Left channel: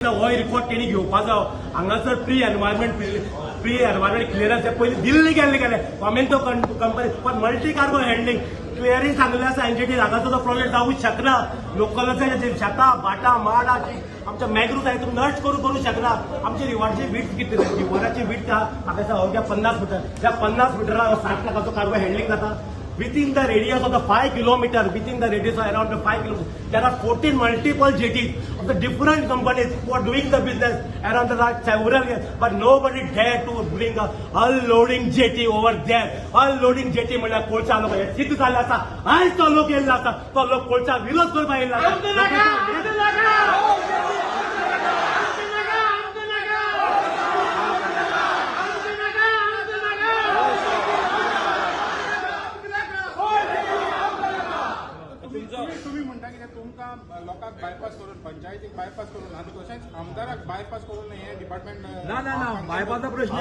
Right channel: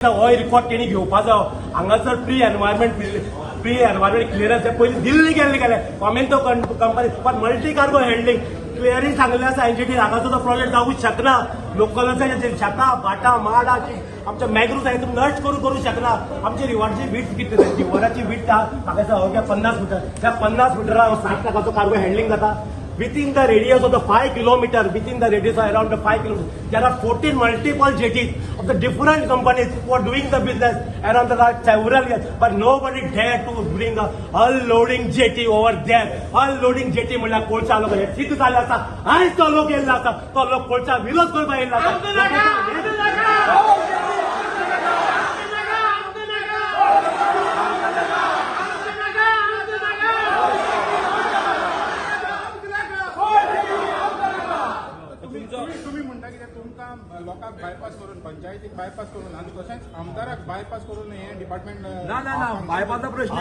हो रिपोर्ट तेणी घेवपाचो हांगासर प्री एनवायरमेंट क्लियरन्स पयलीं दिल्ली गेले कॉमेंटो कंपनी पण मल्टी कार्गो हँडलिंग क्लियरिंग सांगलें आसा एनजीटी हांगासर तो प्रोजेक्ट जावूंक शकना. लोकल शेतां भाटां माडा आमच्या मॅग्रूव सायडीन नष्ट करूंक शकना. आमची रिव्हरची वीट किती रिव्हराची वीट म्हाका अवघ्या 50 मीटर त्या 50 मिटराक 7 लाखाचो कार्गो हँडलिंग जाता. Within the radius of the 5 kilometers, within the radius of around the 5 kilometers, there are 14 multiple jetties of the different companies who are doing the business around the last several years. But nobody dare to bring a unloading jetty over there. Unloading jetty म्हणल्यार कोळसा लोक सिद्ध जाल्ले आसा. आयज तो लोक येयल्लो आसा, तो लोक कोळसा विरोध करपाक येयल्लो आसा. तुम्ही म्हणता की तुमकां लोकांक बायपास करून पंचायतीक बायपास करून आनी तशेंच आमदाराक बायपास करून हे डिपार्टमेंट ना बायपासचा प्रश्न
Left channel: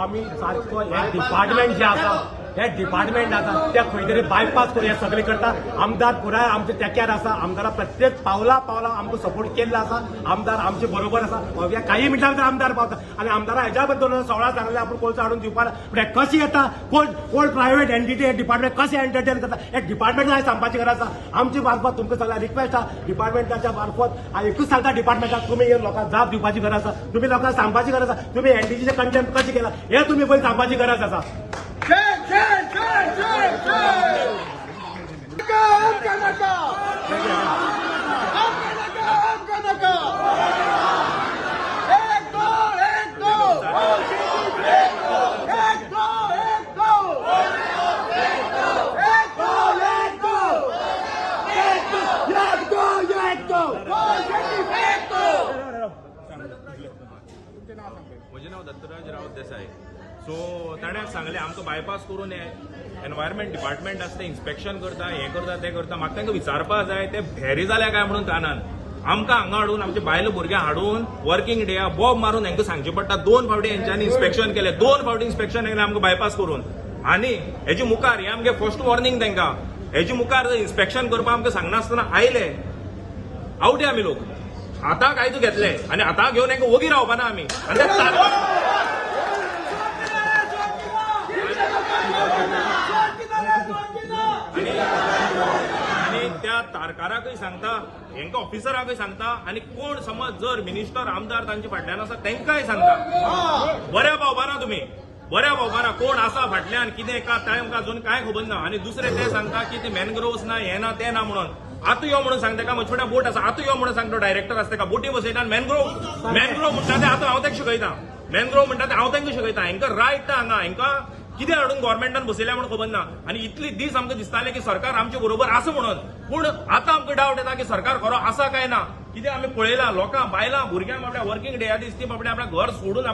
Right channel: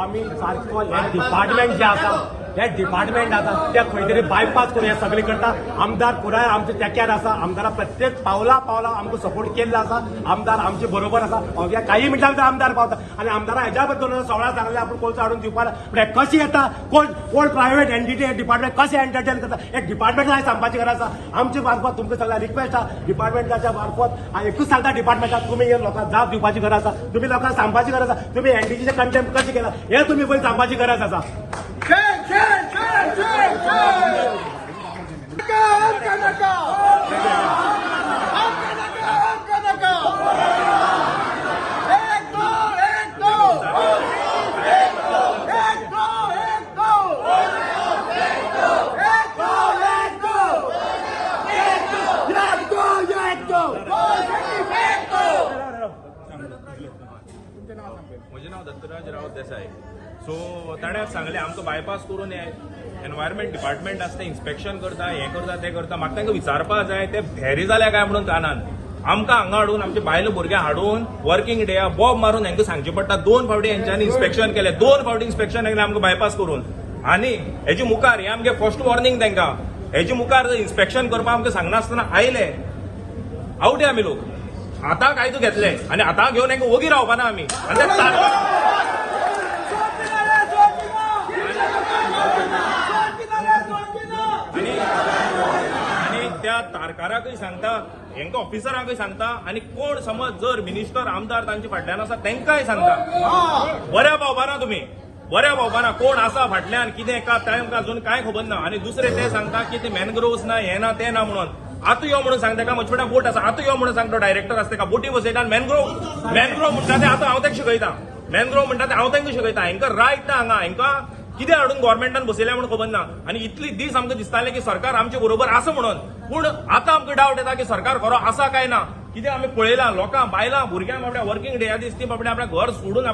आम्ही सारको हे डिपार्टमेंट जे आसा हे डिपार्टमेंट आसा ते खंय तरी बायपास करून हे सगळे करता. आमदार पुराय आमचे तेक्यार आसा. आमदारा प्रत्येक पावला आमकां सपोर्ट केल्लो आसा. आमदार आमचे बरोबर आसा. अवघ्या काही मिनटां भितर आमदार पावता आनी आमदारा हेज्या बद्दल 16 सांगले आपूण कोळसा हाडून दिवपाक पण कशी येता कोण प्रायव्हेट एनटीटी हे डिपार्टमेंट कशें एंटरटेन करता एक डिपार्टमेंट सांगपाची गरज आसा. आमच्या मार्फत तुमकां सगळ्यांक रिक्वेस्ट आसा डिपार्टमेंटाच्या मार्फत हांव एकूच सांगता डिपार्टमेंटाक तुम्ही हे लोकांक जाप दिवपाची गरज आसा. तुम्ही लोकांक सांगपाची गरज आसा. तुम्ही एनटीटीचे कंटेंट कशें केला हे तुम्ही पयलीं सांगपाची गरज आसा. म्हजें नांव दत्तराज रावत देसाय. सो ताणें सांगलें आमकां बायपास करून एनवायरमेंट डिपार्टमेंट आसता इन्स्पेक्शन करता हें करता तें करता. म्हाका तांकां विचारपाक जाय ते भेरी जाल्या काय म्हणून कानान आमकां हांगा हाडून आमचे बायलो भुरग्यां हाडून वर्किंग डे बॉब मारून हांकां सांगचें पडटा. 2 फावटी हेंच्यांनी इन्स्पेक्शन केलें 2 फावटी इन्स्पेक्शन केलें आमकां बायपास करून. आनी हेजे मुखार हें आमगे फर्स्ट वॉर्निंग तांकां हेजे मुखार जर इन्स्पेक्शन करपाक आमकां सांगनासतना आयले आवटे आमी लोक आतां कायदो घेतले आनी आतां घेवन हांकां वोगी रावपाना आमी आनी त्या तारकाराकय सांगता हेंका ऑफिसरांकय सांगता आनी कोण समज जर मिनिस्टर आमदार तांचे फाटल्यान आसा तांकांय सांगता बऱ्या पावपाना तुम्ही बऱ्या पावपाना कोण आसा फाटल्यान कितें का तांकां अजून कांय खबर ना. आनी दुसरे ते सांगता की ते मॅनग्रोव्स ना हे ना ते ना म्हणून. आतां यो म्हणून सांगता का म्हजे बोट आसा आतां यो म्हणून सांगता डायरेक्टर आसता का बोटी बसयता आनी मॅनग्रोव म्हणटा ते आतां हांव तांकां शिकयता. मॅनग्रोव म्हणटा ते हांव तांकां शिकयता. हांकां रायट ना हांगा हांकां कितें हाडून गव्हर्मेंटान बसयल्या म्हणून खबर ना. आनी इतली दीस आमकां दिसताले की सरकार आमचे बरोबर आसा म्हणून. पूण आतां आमकां डावट येता की सरकार खरो आसा काय ना. कितें आमी पळयलां लोकां बायलां भुरग्यांक बाबड्या वर्किंग डे दीस ती बाबड्या आपल्या घर सोडून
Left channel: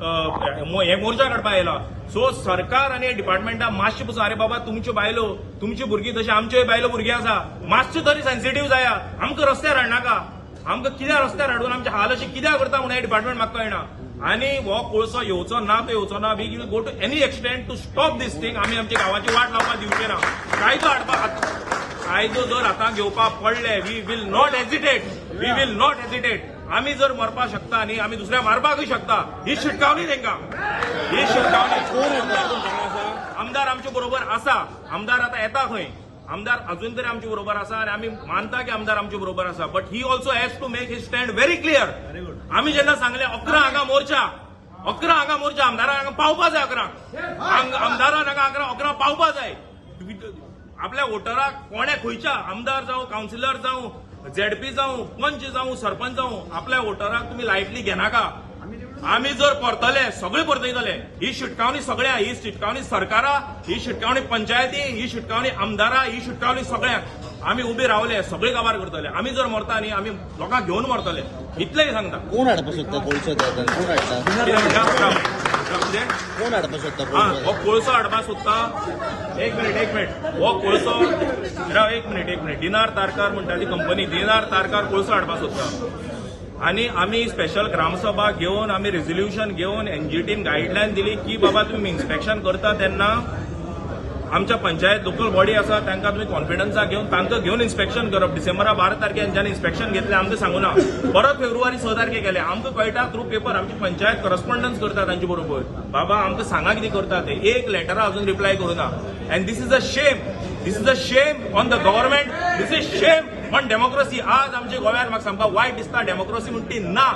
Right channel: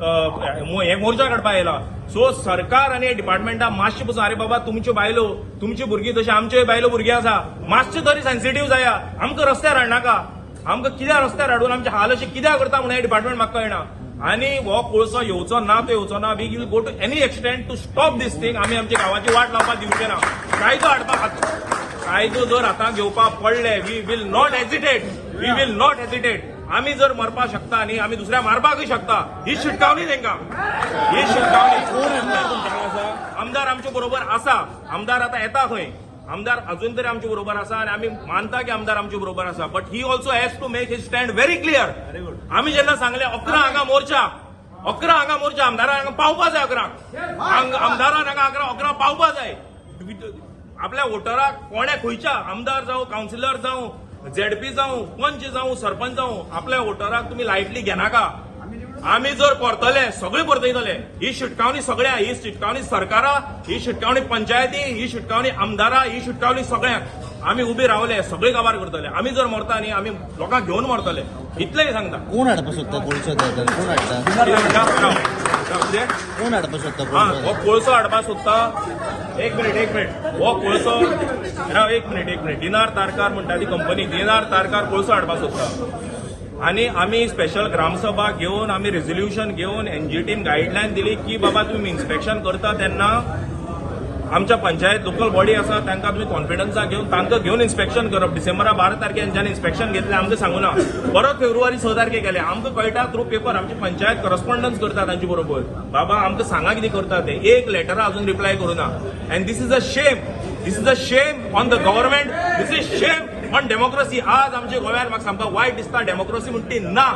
हे मोर्चा काडपाक येयला. सो सरकार आनी डिपार्टमेंटा मातशें पसून अरे बाबा तुमच्यो बायलो तुमची भुरगीं तशी आमच्योय बायलो भुरगीं आसा मातशें तरी सेन्सिटीव जाया. आमकां रस्त्यार हाडनाका. आमकां कित्याक रस्त्यार हाडून आमचे हाल अशें कित्याक करता म्हणून हे डिपार्टमेंट म्हाका कळना. आनी हो कोळसो येवचो ना तो येवचो ना. We will go to any extent to stop this thing. आमी आमच्या गांवाची वाट लावपाक दिवचे ना. कायदो हाडपाक कायदो जर आतां घेवपाक पडले वी विल नॉट हेजिटेट. आमी जर मरपाक शकता न्ही आमी दुसऱ्या मारपाकूय शकता. ही शिटकावणी तांकां ही शिटकावणी. आमदार आमचे बरोबर आसा. आमदार आतां येता खंय आमदार अजून तरी आमचे बरोबर आसा आनी आमी मानता की आमदार आमचे बरोबर आसा. But he also has to make his stand very clear. आमी जेन्ना सांगले 11 हांगा मोर्चा आमदाराक हांगा पावपा जाय 11 आमदारान हांगा 11 पावपा जाय. आपल्या वोटराक कोणे खंयच्या आमदार जावं कावन्सिलर जावं झेडपी जावं पंच जावं सरपंच जावं आपल्या वोटराक तुमी लायटली घेनाका. आमी जर परतले सगळे परतयतले. ही शिटकावणी सगळ्या ही शिटकावणी सरकारा ही शिटकावणी पंचायती ही शिटकावणी आमदारा ही शिटकावणी सगळ्यांक. आमी उबे रावले सगळे काबार करतले. आमी जर मरता न्ही आमी लोकांक घेवन मरतले इतलेंय सांगता. हो कोळसो हाडपाक सोदता. एक मिनिट हो कोळसो एक मिनिट दिनार तारकार म्हणटा ती कंपनी दिनार तारकार कोळसो हाडपाक सोदता. आणि आम्ही स्पेशल ग्रामसभा घेऊन आम्ही रेझोल्युशन घेऊन एनजीटीन गाईडलाईन दिली की बाबा तुम्ही इन्स्पेक्शन करता तेन्ना आमच्या पंचायत लोकल बॉडी आसा तांकां तुमी कॉन्फिडन्सा घेवन तांकां घेवन इन्स्पेक्शन करप. डिसेंबरा 12 तारखेर जेन्ना इन्स्पेक्शन घेतलें आमकां सांगूना. परत फेब्रुवारी 6 तारखेर गेले. आमकां कळटा थ्रू पेपर आमची पंचायत करस्पॉन्डन्स करता तांचे बरोबर. बाबा आमकां सांगा कितें करता ते. एक लेटरा अजून रिप्लाय करूना. And this is a shame. This is a shame on the government. This is shame on democracy. आज आमच्या गोव्यात म्हाका सामका वायट दिसता. डेमोक्रेसी म्हणटी ना.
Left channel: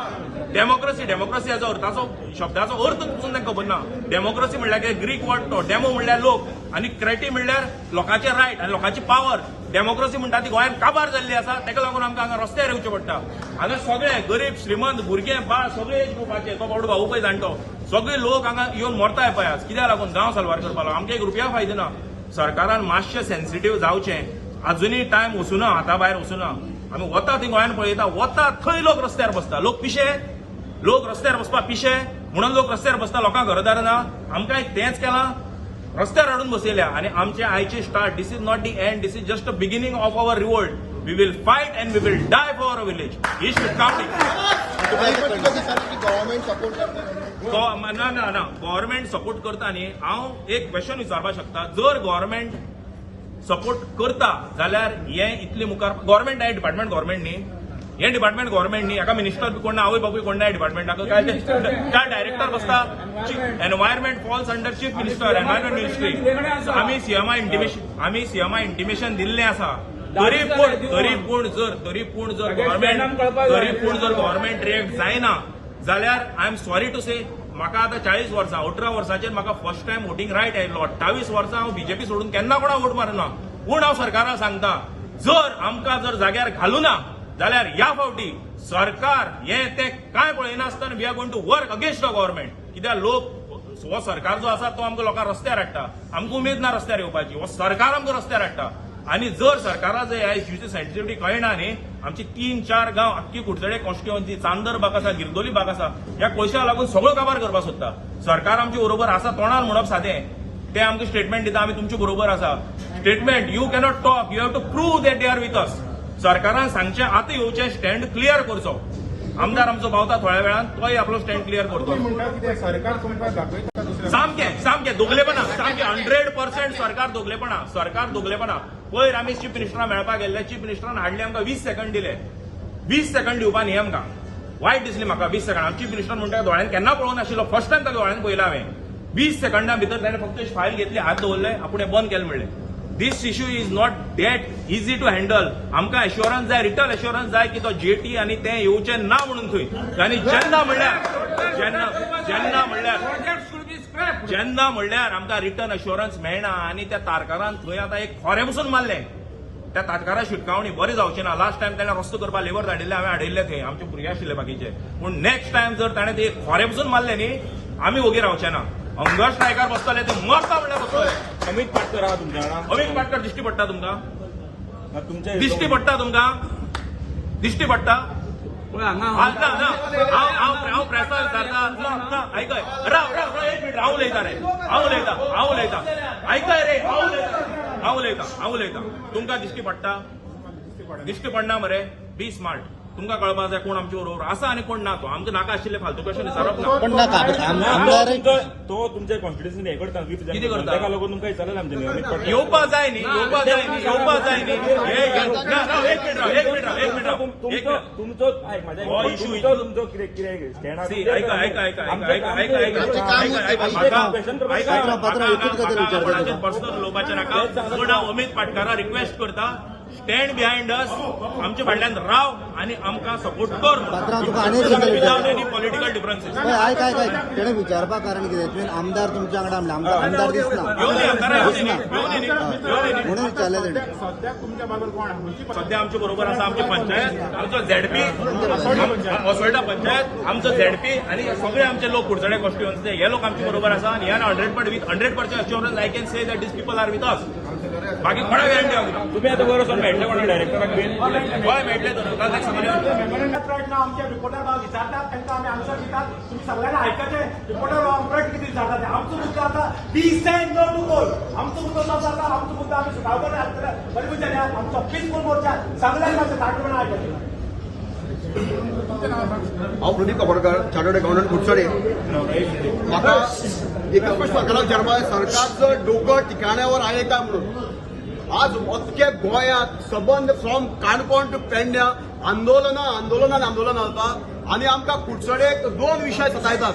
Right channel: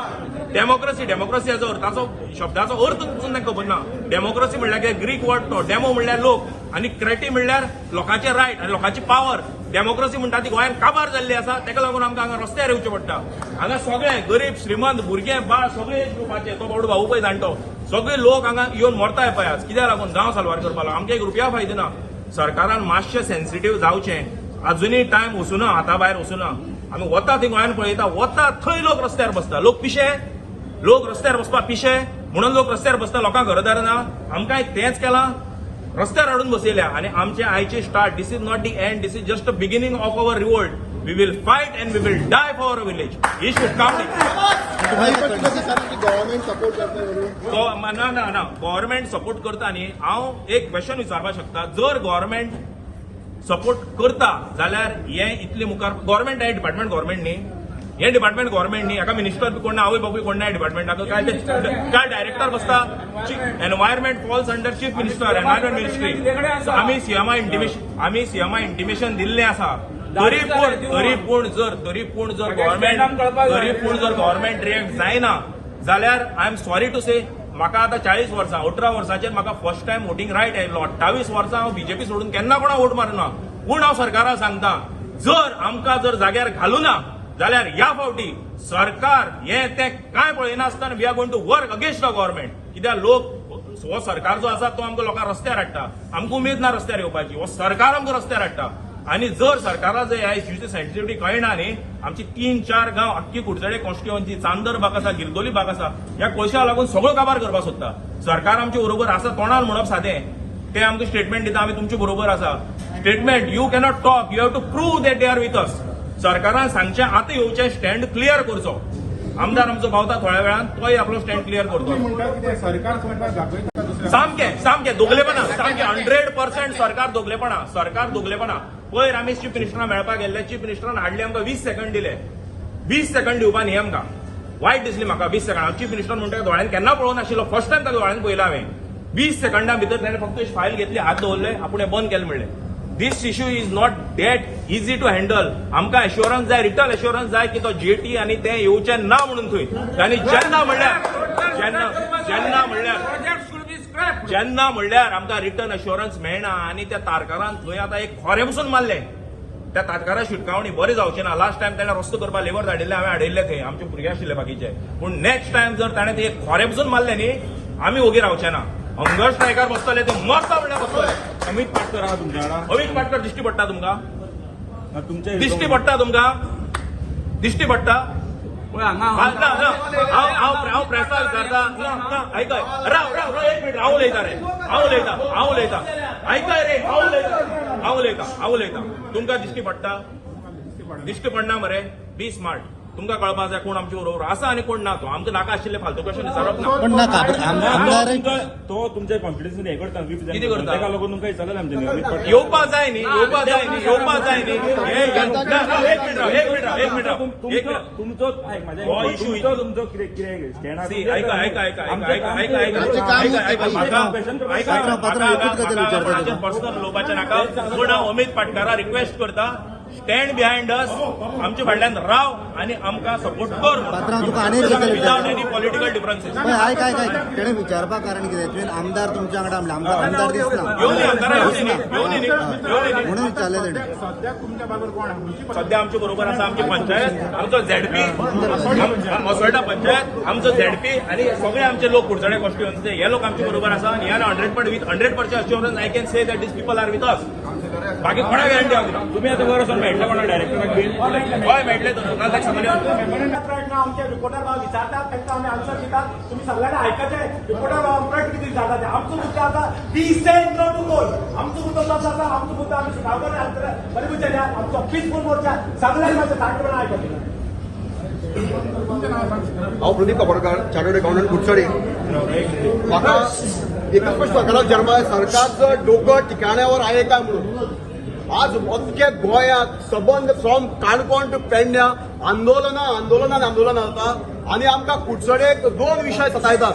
डेमोक्रेसी हाजो अर्थाचो शब्दाचो अर्थ पसून तांकां खबर ना. डेमोक्रेसी म्हणल्यार कितें ग्रीक वर्ड तो. डेमो म्हणल्यार लोक आनी क्रेटी म्हणल्यार लोकांचे रायट आनी लोकांची पावर. डेमोक्रेसी म्हणटा ती गोंयांत काबार जाल्ली आसा. ताका लागून आमकां हांगा रस्त्यार येवचें पडटा. हांगा सगळे गरीब श्रीमंत भुरगे बाळ सगळे एज ग्रुपाचे. तो बाबडो भाऊ पळय जाणटो सगळे लोक हांगा येवन मरताय पळय आज. कित्याक लागून गांव साल्वार करपाक लागून. आमकां 1 रुपया फायदो ना. सरकारान मातशें सेन्सिटीव जावचें. अजुनूय टायम वचूना. हाता भायर वचूना. आमी वता थंय गोंयांत पळयता वता थंय लोक रस्त्यार बसता. लोक पिशे. लोक रस्त्यार बसपाक पिशे म्हणून लोक रस्त्यार बसता. लोकांक घरदार ना. आमकां तेंच केलां. रस्त्यार हाडून बसयल्या आनी आमचे आयचे start. This is not the end. This is just the beginning of our revolt. We will fight and we will die for our village. He should come. ना गव्हर्नमेंट सपोर्ट करता न्ही. हांव एक क्वेश्चन विचारपाक शकता. जर गव्हर्नमेंट सपोर्ट करता जाल्यार हे इतले मुखार गव्हर्नमेंट हे डिपार्टमेंट गव्हर्नमेंट न्ही. हे डिपार्टमेंट गव्हर्नमेंट न्ही. हाका मिनिस्टर बी कोण ना. आवय बापूय कोण ना डिपार्टमेंटाक. काय डायरेक्टर बसता. Environment falls under chief minister environment ministry. So आमी सीएमआय इंटिमेशन दिल्लें आसा. तरी पूण जर गव्हर्नमेंट रिएक्ट जायना जाल्यार आय एम सॉरी टू से म्हाका आतां 40 वर्सां 18 वर्सांचेर म्हाका फर्स्ट टायम वोटींग रायट आयिल्लो. 28 वर्सां हांव बीजेपी सोडून केन्ना कोणा वोट मारुना. पूण हांव सरकाराक सांगता जर आमकां जर जाग्यार घालूना जाल्यार ह्या फावटी सरकार हे ते काय पळयनासतना we are going to work against the government. कित्याक लोक हो सरकार जो आसा तो आमकां लोकांक रस्त्यार हाडटा. आमकां उमेद ना रस्त्यार येवपाची. हो सरकार आमकां रस्त्यार हाडटा. आनी जर सरकाराक जर ह्या इश्यूची सेन्सिटिव्हिटी कळना न्ही. आमची 3-4 गांव अख्खी कुडचडे कॉन्स्टिट्युएन्सी चांदर भाग आसा गिरदोली भाग आसा ह्या कोळशाक लागून सगळो काबार करपाक सोदता. सरकार आमचे बरोबर आसा तोंडार म्हणप सादें. ते आमकां स्टेटमेंट दिता आमी तुमचे बरोबर आसा. Statement you cannot talk. You have to prove that they are with us. सरकारान सांगचें आतां येवचें स्टँड क्लियर करचो. आमदार आमचो पावता थोड्या वेळान तोय आपलो स्टँड क्लियर करतो. सरकार तुमकां दाखयता सामकें दोगलेपणा. सामकें 100% सरकार दोगलेपणा. पयर आमी चीफ मिनिस्टराक मेळपाक गेल्ले. चीफ मिनिस्टरान हाडली आमकां 20 सेकंड दिले. 20 सेकंड दिवपा न्ही आमकां. वायट दिसली म्हाका 20 सेकंड. चीफ मिनिस्टर म्हणटा दोळ्यान केन्ना पळोवंक नाशिल्लो. फर्स्ट टायम ताका दोळ्यान पळयला हांवें. 20 सेकंडा भितर ताणें फक्त फायल घेतली हात दवरले आपूण बंद केलें म्हणलें. This issue is not that easy to handle. आमकां एश्युरन्स जाय. रिटर्न एश्युरन्स जाय की तो जेटी आनी तें येवचें ना म्हणून थंय. आनी जेन्ना म्हणल्यार आमकां रिटर्न एश्युरन्स मेळना आनी त्या तारकारान थंय आतां एक खोरें पसून मारलें. त्या तारकारा शिटकावणी बरें जावचें ना. लास्ट टायम ताणें रस्तो करपाक लेबर धाडिल्ले हांवें हाडिल्ले थंय. आमचे भुरगे आशिल्ले बाकीचे. पूण नेक्स्ट टायम जर ताणें ते खोरें पसून मारलें न्ही आमी ओगी रावचे ना. हंगर स्ट्रायकार बसतले ते मरता म्हणल्यार बसतले. अमित पाटकर आहा तुमच्या वांगडा. अमित पाटकर दिश्टी पडटा तुमकां. तुमचे दिश्टी पडटा. हांव प्रेसा विचारता. ना आयकय राव एक मिनिट. हांव उलयता रे. हांव उलयता. आयकय रे. हांव उलयता. तुमकां दिश्टी पडना मरे. बी स्मार्ट. तुमकां कळपाक जाय कोण आमचे बरोबर आसा आनी कोण ना. तो आमकां नाका आशिल्ले फालतू क्वेश्चन विचारप ना. तो तुमच्या कॉन्फिडन्स हे करता. कितें करता? ताका लागून तुमकां विचारलें आमचे. येवपाक जाय न्ही. एक मिनिट. तुमचो हो इश्यू तुमचो कितें स्टँड म्हाका हांगा कोणाचेर पर्सनल उलोवपाचें नाका. पूण हांव अमित पाटकाराक रिक्वेस्ट करता स्टँड बिहायंड अस. आमच्या फाटल्यान राव आनी आमकां सपोर्ट कर म्हणून विदाउट एनी पॉलिटिकल डिफरन्सीस. तेणे विचारपाक कारण कितें आमदार तुमच्या वांगडा आमदार दिसता घेवन या आमदारा घेवन येनी म्हणून विचारलें. सध्या तुमच्या बाजूर कोण आहा? सध्या आमचे बरोबर आसा आमची पंचायत. आमचो झेडपी मसोल्डा पंचायत. आमचो झेडपी आनी सगळे आमचे लोक कुडचडे कॉन्स्टिट्युएन्सीचे हे लोक आमचे बरोबर आसा. आनी ह्या 100% assurance I can say that these people are with us. बाकी कोणा गॅरंटी हांव दिना. तुम्ही आता जरा मेळटले कोणा डायरेक्टराक बीन गोंय मेळटले तर सांगले. आमचे रिपोर्टर विचारतात त्यांना आम्ही आन्सर दितात. तुम्ही सगळ्यांना ऐकायचे. रिपोर्टर आमच्याकडे किती विचारतात. आमचं मुद्दा आता आमचं मुद्दा आम्ही सुधारतो. बरी विचारल्या आमचं ऑफिस कोण मोठ्या सगळ्यांनी माझ्या कार्यक्रम ऐकायचे. हांव प्रदीप काकोडकर चार्टर्ड अकाउंटंट कुडचडे. म्हाका एकच प्रश्न सरकाराक विचारपा जाय, सरकारचं डोकं ठिकाण्यावर आहे का म्हणून. आज अख्खे गोंयांत सबंद फ्रॉम काणकोण टू पेडण्या आंदोलनां जाता आनी आमकां कुडचडेक 2 विशय सतायतात.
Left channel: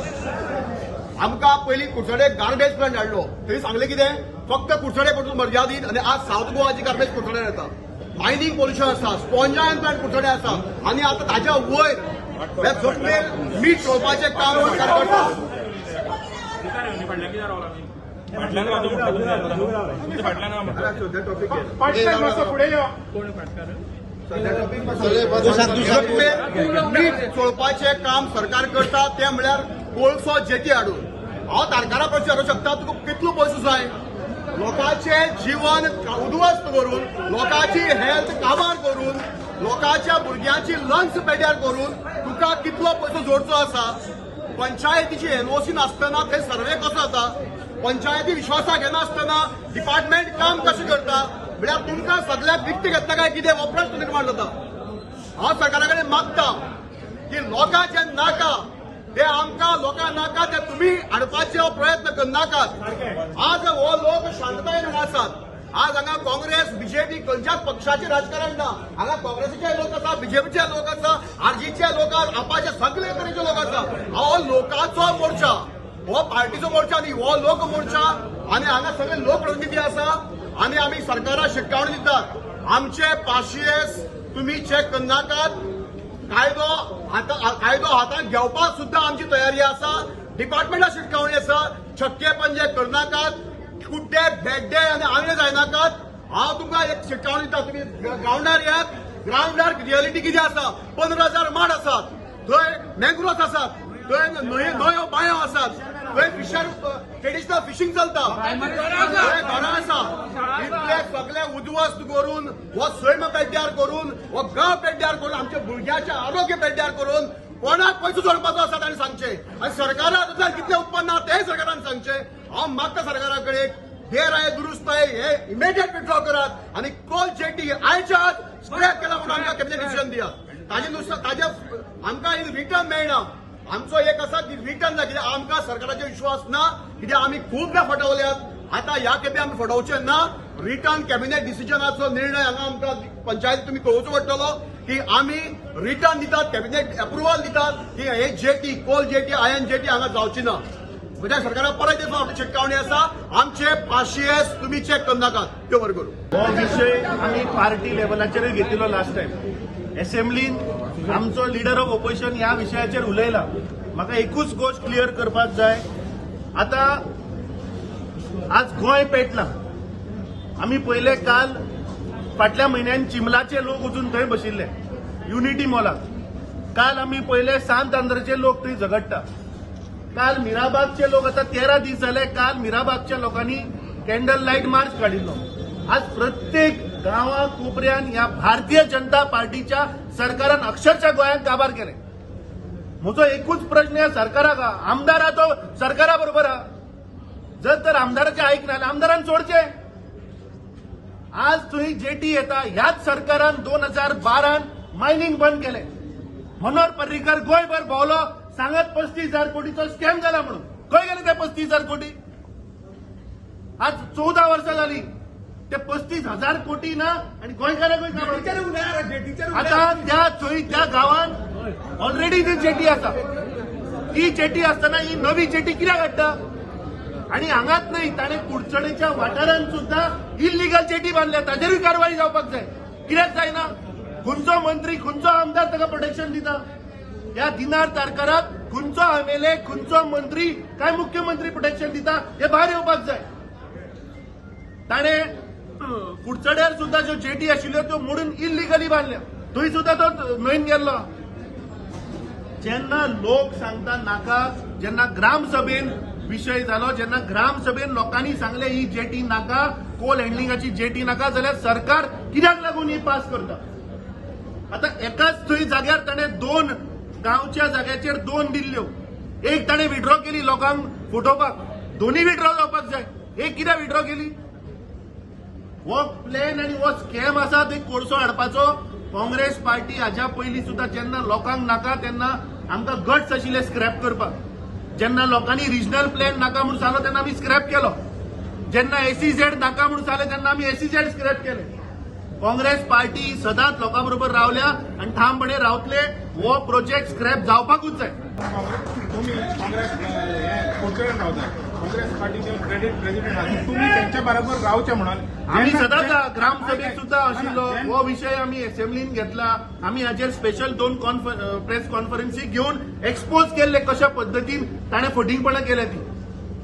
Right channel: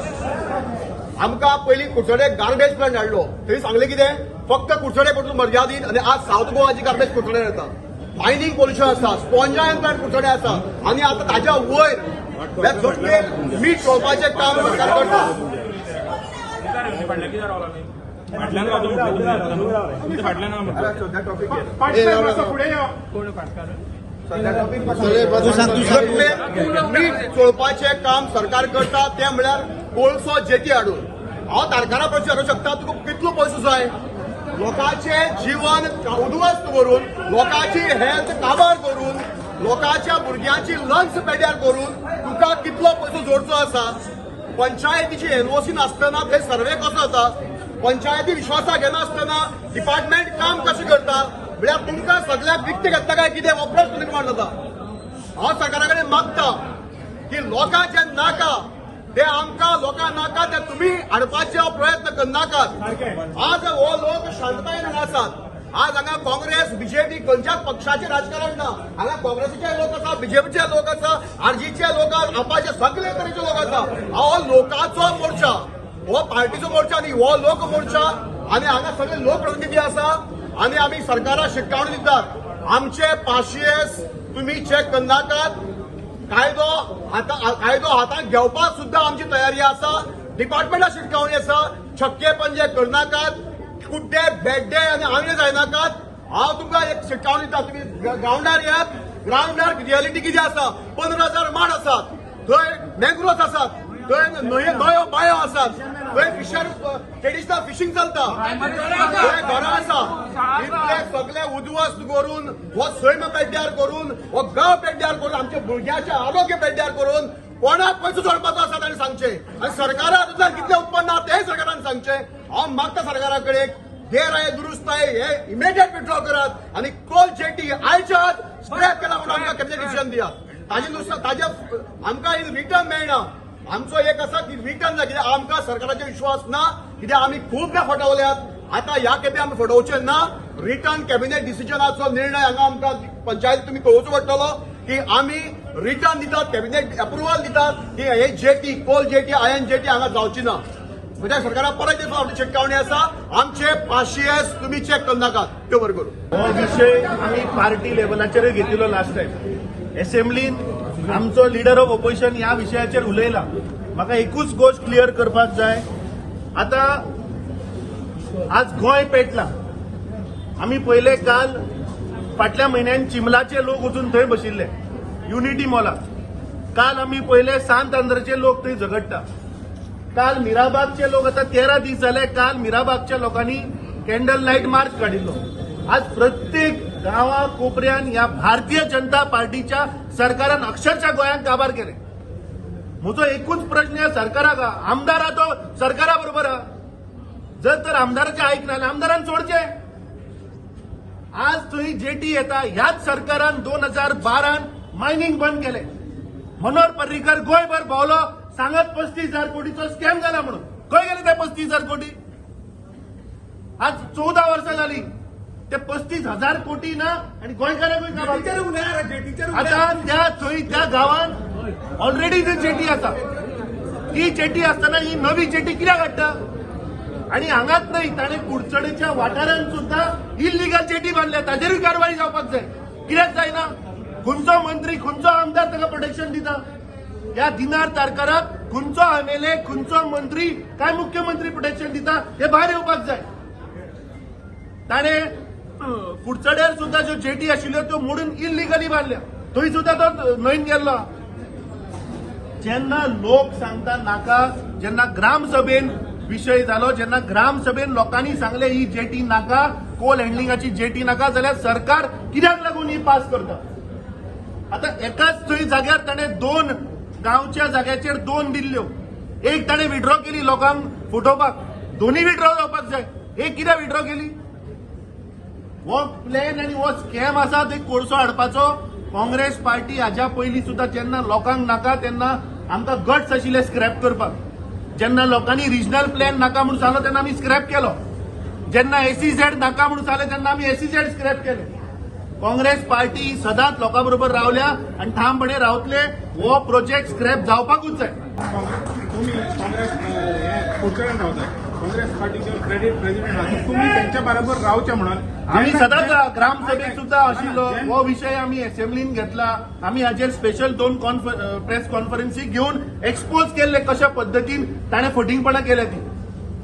आमकां पयलीं कुडचडेक गार्बेज प्लांट हाडलो, थंय सांगलें कितें फक्त कुडचडे परतून मर्यादीत, आनी आज सावथ गोवाची गार्बेज कुडचडे येता. मायनिंग पोल्युशन आसा, स्पॉन्जायन प्लांट कुडचडे आसा, आनी आतां ताच्या वयर जमलेर मीठ चोळपाचें काम सरकार करता. फाटल्यान कितें रावला आमी? जमलेर मीठ चोळपाचें काम सरकार करता, तें म्हळ्यार कोळसो जेटी हाडून. हांव तारकारा प्रश्न विचारूंक शकता, तुका कितलो पयसो जाय? लोकांचें जीवन उद्ध्वस्त करून, लोकांची हेल्थ काबार करून, लोकांच्या भुरग्यांची लंग्स पेड्यार करून तुका कितलो पयसो जोडचो आसा? पंचायतीची एनओसी नासतना थंय सर्वे कसो जाता? पंचायती विश्वासाक घेनासतना डिपार्टमेंट काम कशें करता? म्हळ्यार तुमकां सगळ्याक विकतें घेतला काय कितें हो प्रश्न निर्माण जाता. हांव सरकारा कडेन मागता की लोकांचें नाका ते आमकां लोकां नाका ते तुमी हाडपाचे प्रयत्न करनाकात. आज हो लोक शांततायेन हांगा आसात. आज हांगा काँग्रेस बीजेपी खंयच्याच पक्षाचें राजकारण ना. हांगा काँग्रेसीचे लोक आसा, बीजेपीचे लोक आसा, आरजीचे लोक आसा, आपाचे सगळे तरेचे लोक आसा. हो लोकांचो मोर्चा, हो पार्टीचो मोर्चा न्ही, हो लोक मोर्चा. आनी हांगा सगळे लोकप्रतिनिधी आसा आनी आमी सरकाराक शिटकावणी दितात. आमचे पाशियेस तुमी चॅक करनाकात. कायदो हातांत घेवपाक सुद्दां आमची तयारी आसा. डिपार्टमेंटाक शिटकावणी आसा. छक्के पंजे करनाकात, कुड्डे बेड्डे आनी आंगळे जायनाकात. हांव तुमकां एक शिटकावणी दिता, तुमी ग्रावंडार येयात. ग्रावंडार रियलिटी कितें आसा? 15,000 माड आसात, थंय मॅंग्रोव्स आसात, थंय न्हंयो बांयो आसात, थंय फिशर ट्रेडिशनल फिशींग चलता, थंय घरां आसा. इतले सगळे उद्ध्वस्त करून, हो सैम पेड्ड्यार करून, हो गांव पेड्ड्यार करून, आमच्या भुरग्याचें आरोग्य पेड्ड्यार करून कोणाक पयसो जोडपाचो आसा ताणें सांगचें. आनी सरकारा तुज्यान कितलें उत्पन्न आहा तेंय सरकारान सांगचें. हांव मागता सरकारा कडेन गैर दुरुस्ताय हे इमिडिएट विथड्रॉ करात आनी कोल जेटी आयच्या आज स्क्रॅप केला म्हणून आमकां कॅबिनेट डिसिजन दियात. ताजे आमकां रिटर्न मेळना. आमचो एक आसा की रिटर्न ना, कित्याक आमकां सरकाराचेर विश्वास ना, कित्याक आमी खूबदां फटावल्यात. आता ह्या खेपे आमी फटोवचे ना. रिटर्न कॅबिनेट डिसिजनाचो निर्णय हांगा आमकां पंचायती तुमी कळोवचो पडटलो की आमी रिटर्न दितात, कॅबिनेट अप्रुव्हल दितात की हे जेटी कोल जेटी आयन जेटी हांगा जावची ना. म्हणजे सरकाराक परत एक फावटी शिटकावणी आसा. आमचे पाशियेस तुमी चॅक करनाकात, त्यो बरें करूं. हो विषय आम्ही पार्टी लेवलाचेर घेतिल्लो लास्ट टायम असेंब्लीन. आमचो लिडर ऑफ ऑपोजिशन ह्या विशयाचेर उलयला. म्हाका एकूच गोष्ट क्लियर करपाक जाय. आता आज गोंय पेटला. आमी पयले काल फाटल्या म्हयन्यान चिमलाचे लोक वचून थंय बशिल्ले युनिटी मॉलात. काल आमी पयले सांत आंध्रचे लोक थंय झगडटा. काल मिराबागचे लोक, आता 13 दीस जाले काल मिराबागच्या लोकांनी कॅन्डल लाईट मार्च काढिल्लो. आज प्रत्येक गांवा कोपऱ्यान ह्या भारतीय जनता पार्टीच्या सरकारान अक्षरशः गोंयांत काबार केले. म्हजो एकूच प्रश्न ह्या सरकाराक आहा, आमदार तो सरकारा बरोबर आहा. जर तर आमदाराचे ऐकना जाल्यार आमदारान सोडचे. आज थंय जेटी येता. ह्याच सरकारान 2012 मायनिंग बंद केले. मनोहर पर्रीकर गोंयभर भोंवलो, सांगत 35,000 कोटीचो स्कॅम जाला म्हणून. खंय गेले ते 35,000 कोटी? आज 14 वर्सां जाली. ते 35,000 कोटी ना आणि गोंयकारांकूय काबार केले. आता त्या गांवांत ऑलरेडी ती जेटी आसा. ती जेटी आसतना ही नवी जेटी कित्याक हाडटा? आणि हांगाच नाही, ताणें कुडचडेच्या वाठारांत सुद्धा इल्लिगल जेटी बांदल्या. ताजेरूय कारवाई जावपाक जाय. कित्याक जायना? खंयचो मंत्री खंयचो आमदार ताका प्रोटेक्शन दिता? ह्या दिनार तारकाराक खंयचो एमएलए खंयचो मंत्री काय मुख्यमंत्री प्रोटेक्शन दिता हे भायर येवपाक जाय. ताणें कुडचड्यार सुद्धा ज्यो जेटी आशिल्ल्यो त्यो मोडून इल्लिगली बांदल्या. थंय सुद्धा तो न्हंयन गेल्लो. जेन्ना लोक सांगता नाका, जेन्ना ग्रामसभेन विशय जालो, जेन्ना ग्रामसभेन लोकांनी सांगले ही जेटी नाका, कोल हँडलिंगाची जेटी नाका, जाल्यार सरकार कित्याक लागून ही पास करता? आता एकाच थंय जाग्यार ताणें 2 गांवच्या जाग्याचेर 2 दिल्ल्यो. एक ताणें विड्रॉ केली लोकांक फटोवपाक, दोन्ही विड्रॉ जावपाक जाय. एक कित्याक विड्रॉ केली? हो प्लॅन आनी हो स्कॅम आसा ते कोळसो हाडपाचो. काँग्रेस पार्टी हाज्या पयलीं सुद्धा जेन्ना लोकांक नाका तेन्ना आमकां गट्स आशिल्ले स्क्रॅप करपाक. जेन्ना लोकांनी रिजनल प्लॅन नाका म्हणून सांगलो तेन्ना आमी स्क्रॅप केलो. जेन्ना SEZ नाका म्हणून सांगले तेन्ना आमी SEZ स्क्रॅप केले. काँग्रेस पार्टी सदांच लोकां बरोबर रावल्या आनी ठामपणे रावतले. हो प्रोजेक्ट स्क्रॅप जावपाकूच जाय. तुम्ही काँग्रेस फुडच्यान रावता काँग्रेस पार्टीचे प्रेसिडेंट आसा तुम्ही त्यांच्या बरोबर रावचे म्हणून आम्ही सदांच ग्रामसभेत सुद्धा आशिल्लो. हो विषय आम्ही असेंब्लीन घेतला. आम्ही हाचेर स्पेशल 2 प्रेस कॉन्फरन्सी घेऊन एक्सपोज केले कशा पद्दतीन ताणें फटिंगपणां केल्या ती.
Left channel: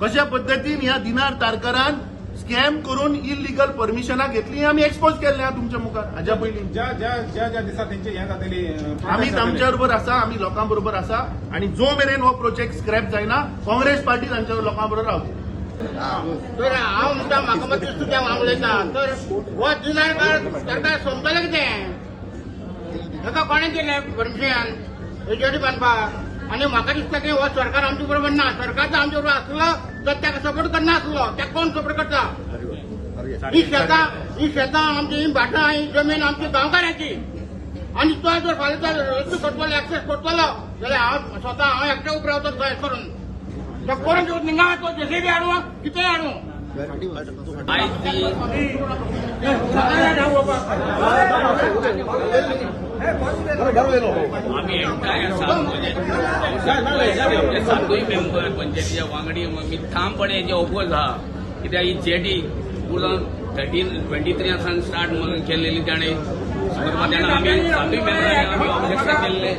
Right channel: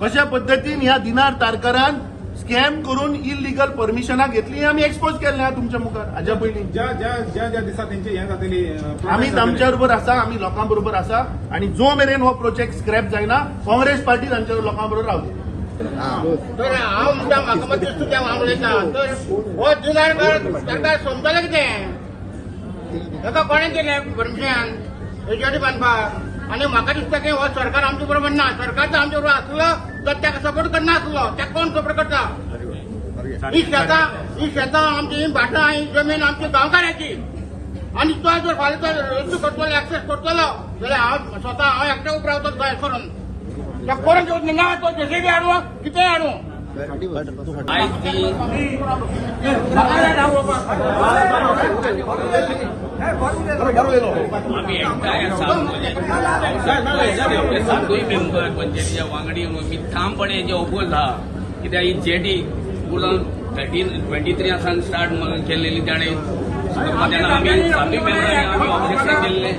कशा पद्दतीन ह्या दिनार तारकरान स्कॅम करून इलिगल परमिशनां घेतली आम्ही एक्सपोज केले हा तुमच्या मुखार. हाज्या पयलीं ज्या दिसा त्यांचे हे जातली आम्ही तांच्या बरोबर आसा, आम्ही लोकां बरोबर आसा आणि जो मेरेन हो प्रोजेक्ट स्क्रॅप जायना काँग्रेस पार्टी तांच्या लोकां बरोबर रावतली. तर हांव म्हणटा म्हाका मात दिसता तें हांव उलयतां. तर हो दिनार सरकार सोमतालें कितें? ताका कोणें दिलें परमिशन हेजेर बांदपाक? आनी म्हाका दिसता की हो सरकार आमचे बरोबर ना. सरकार जर आमचे बरोबर आसलो तर ताका सपोर्ट करनासलो. ताका कोण सपोर्ट करता? ही शेतां आमची, ही भाटां, ही जमीन आमची गांवकारांची. आनी तो जर फाल्यां तर रस्तो करतलो, एक्सेस करतलो जाल्यार हांव स्वता एकटे उबो रावतलो जाय करून. त्या करून घेवन हिंगा तो जेसीबी हाडूं कितें हाडूं? आम्ही एकठांय आसा म्हणजे हांव सरपंच आनी आमचे 7 मेंबर पंचायतीचे वांगडी मी ठामपणे हेजे ओपोज आहा. कित्याक ही जेटी 2023 सावन स्टार्ट केल्लेली ताणें तेन्ना आमी 7 मेंबरांनी आमी ऑब्जेक्शन केल्ले.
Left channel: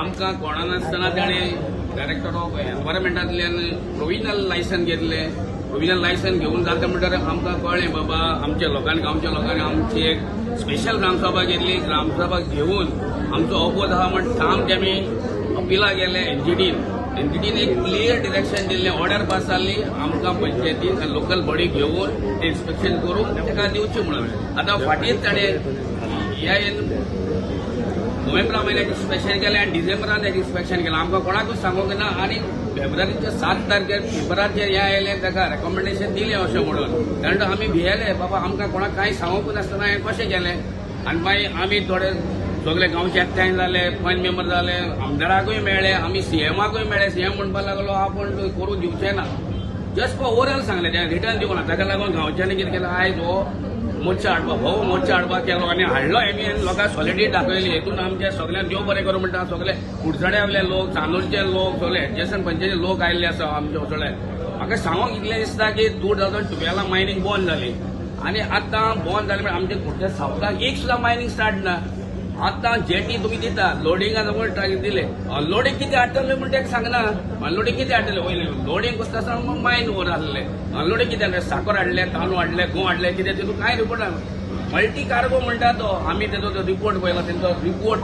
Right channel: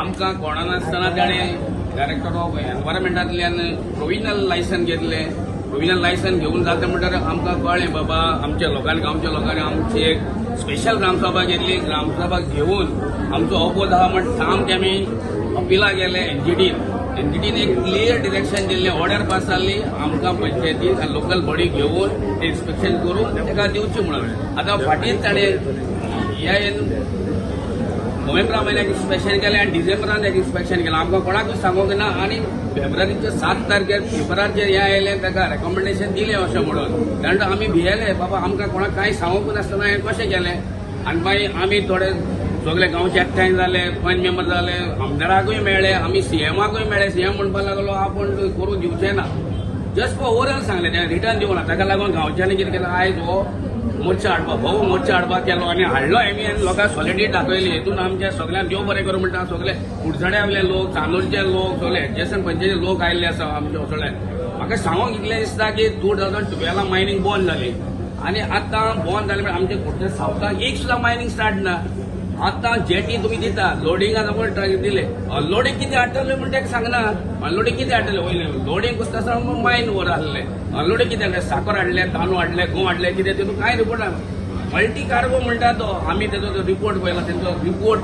आमकां कोणा नासतना ताणें डायरेक्टर ऑफ एनवायरमेंटांतल्यान प्रोविजनल लायसन घेतले. प्रोविजनल लायसन घेवन जाता म्हणटकीर आमकां कळ्ळें बाबा आमच्या लोकांनी गांवच्या लोकांनी आमची एक स्पेशल ग्रामसभा घेतली. ग्रामसभा घेवन आमचो ओपोज आहा म्हण ठाम ते आमी अपिला गेले एनजीटीन एक क्लियर डिरेक्शन दिल्लें, ऑर्डर पास जाल्ली आमकां पंचायतीन आनी लोकल बॉडी घेवन ते इन्स्पेक्शन करून ताका दिवची म्हणून. आतां फाटींच ताणें ह्या नोव्हेंबरा म्हयन्याक इन्स्पेक्शन केलें आनी डिसेंबरान तेजें इन्स्पेक्शन केलें. आमकां कोणाकूच सांगूंक ना. आनी फेब्रुवारीच्या 7 तारखेर पेपराचेर हें आयलें ताका रेकमेंडेशन दिलें अशें म्हणून. कारण आमी भियेले बाबा आमकां कोणाक कांय सांगूंक नासतना हें कशें केलें. आनी मागीर आमी थोडे सगळे गांवचे एकठांय जाले, पंच मेंबर जाले, आमदाराकूय मेळ्ळे, आमी सीएमाकूय मेळ्ळे. सीएम म्हणपाक लागलो आपूण करून दिवचें ना. जस्ट फॉर ओवरऑल सांगलें तें रिटर्न दिवं ना. ताका लागून गांवच्यांनी कितें केलें आयज हो मोर्चा हाडपाक मोर्चा हाडपाक केलो आनी हाडलो आमी आनी लोकांक सॉलिडिटी दाखयली. हेतून आमच्या सगळ्यांक देव बरें करूं म्हणटा सगळे कुडचड्यावयले लोक, चांदोरचे लोक, सगळे एडजस्टंट पंचायतीचे लोक आयिल्ले आसा आमचे सगळे. म्हाका सांगूंक इतलें दिसता की 2012 मायनिंग बंद जाली आनी आतां बंद जालें म्हण आमचे कुडचड्या सावथाक एक सुद्दां मायनिंग स्टार्ट ना. आतां जेटी तुमी दिता लोडिंगाक आमकां दिले. अनलोडिंग कितें हाडटले म्हण तेका सांगना. अनलोडिंग कितें हाडटले वयले लोडिंग कसं आसा मायन वर आहले. अनलोडिंग कितें हाडलें? साखर हाडले, तांदूळ हाडले, गहू हाडले, कितें तेतून कांय रिपोर्ट ना. मल्टी कार्गो म्हणटा तो आमी तेजो रिपोर्ट पळयला. तेंचो रिपोर्ट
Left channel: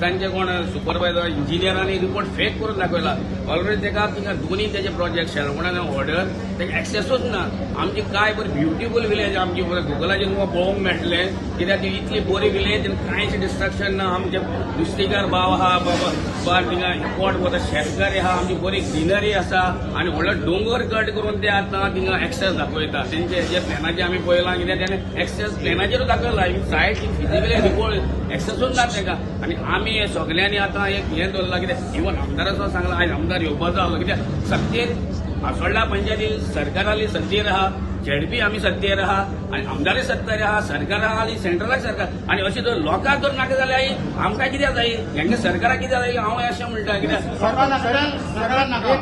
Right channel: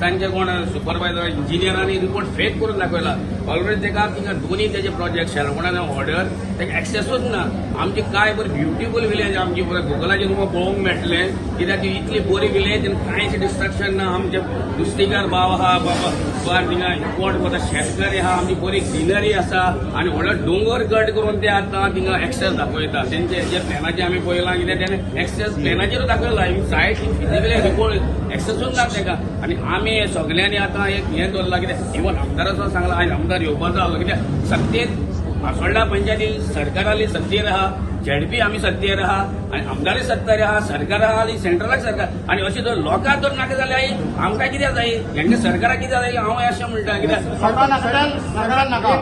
तांचे कोण सुपरवायझर इंजिनियरांनी रिपोर्ट फेक करून दाखयला. ऑलरेडी तेका थिंगा दोनी तेजे प्रोजेक्ट शेलवणान ऑर्डर तेका एक्सेसूच ना. आमची काय बरी ब्युटिफूल विलेज आमची गुगलाचेर तुमकां पळोवंक मेळटलें. कित्याक ती इतली बरी विलेज कांयच डिस्ट्रक्शन ना. आमचे नुस्तेकार भाव आहा बाबा थिंगा एपोर्ट वता शेतकरी आहा. आमची बरी ग्रीनरी आसा आनी व्हडलो दोंगर कट करून ते आतां थिंगा एक्सेस दाखयता. तेंचे जे प्लॅनाचेर आमी पळयलां कित्याक तेणें एक्सेस प्लॅनाचेर दाखयला. सायट फिजिकली रिपोर्ट एक्सेसूच ना तेका. आनी आमी हे सगळ्यांनी आतां एक हें दवरलां कित्याक इवन आमदाराचो सांगला आयज आमदार येवपाचो आसलो कित्याक सत्तेर आसोळडा पंचायती सरकाराली सत्तेर आहा, झेडपी आमी सत्तेर आहा आनी आमदारय सत्तेर आहा, सरकार आहा आनी सेंट्रलाक सरकार. आनी अशें जर लोकांक जर नाका जाल्यार आमकां कित्याक जाय? हेंच्या सरकाराक कित्याक जाय हांव अशें म्हणटा. कित्याक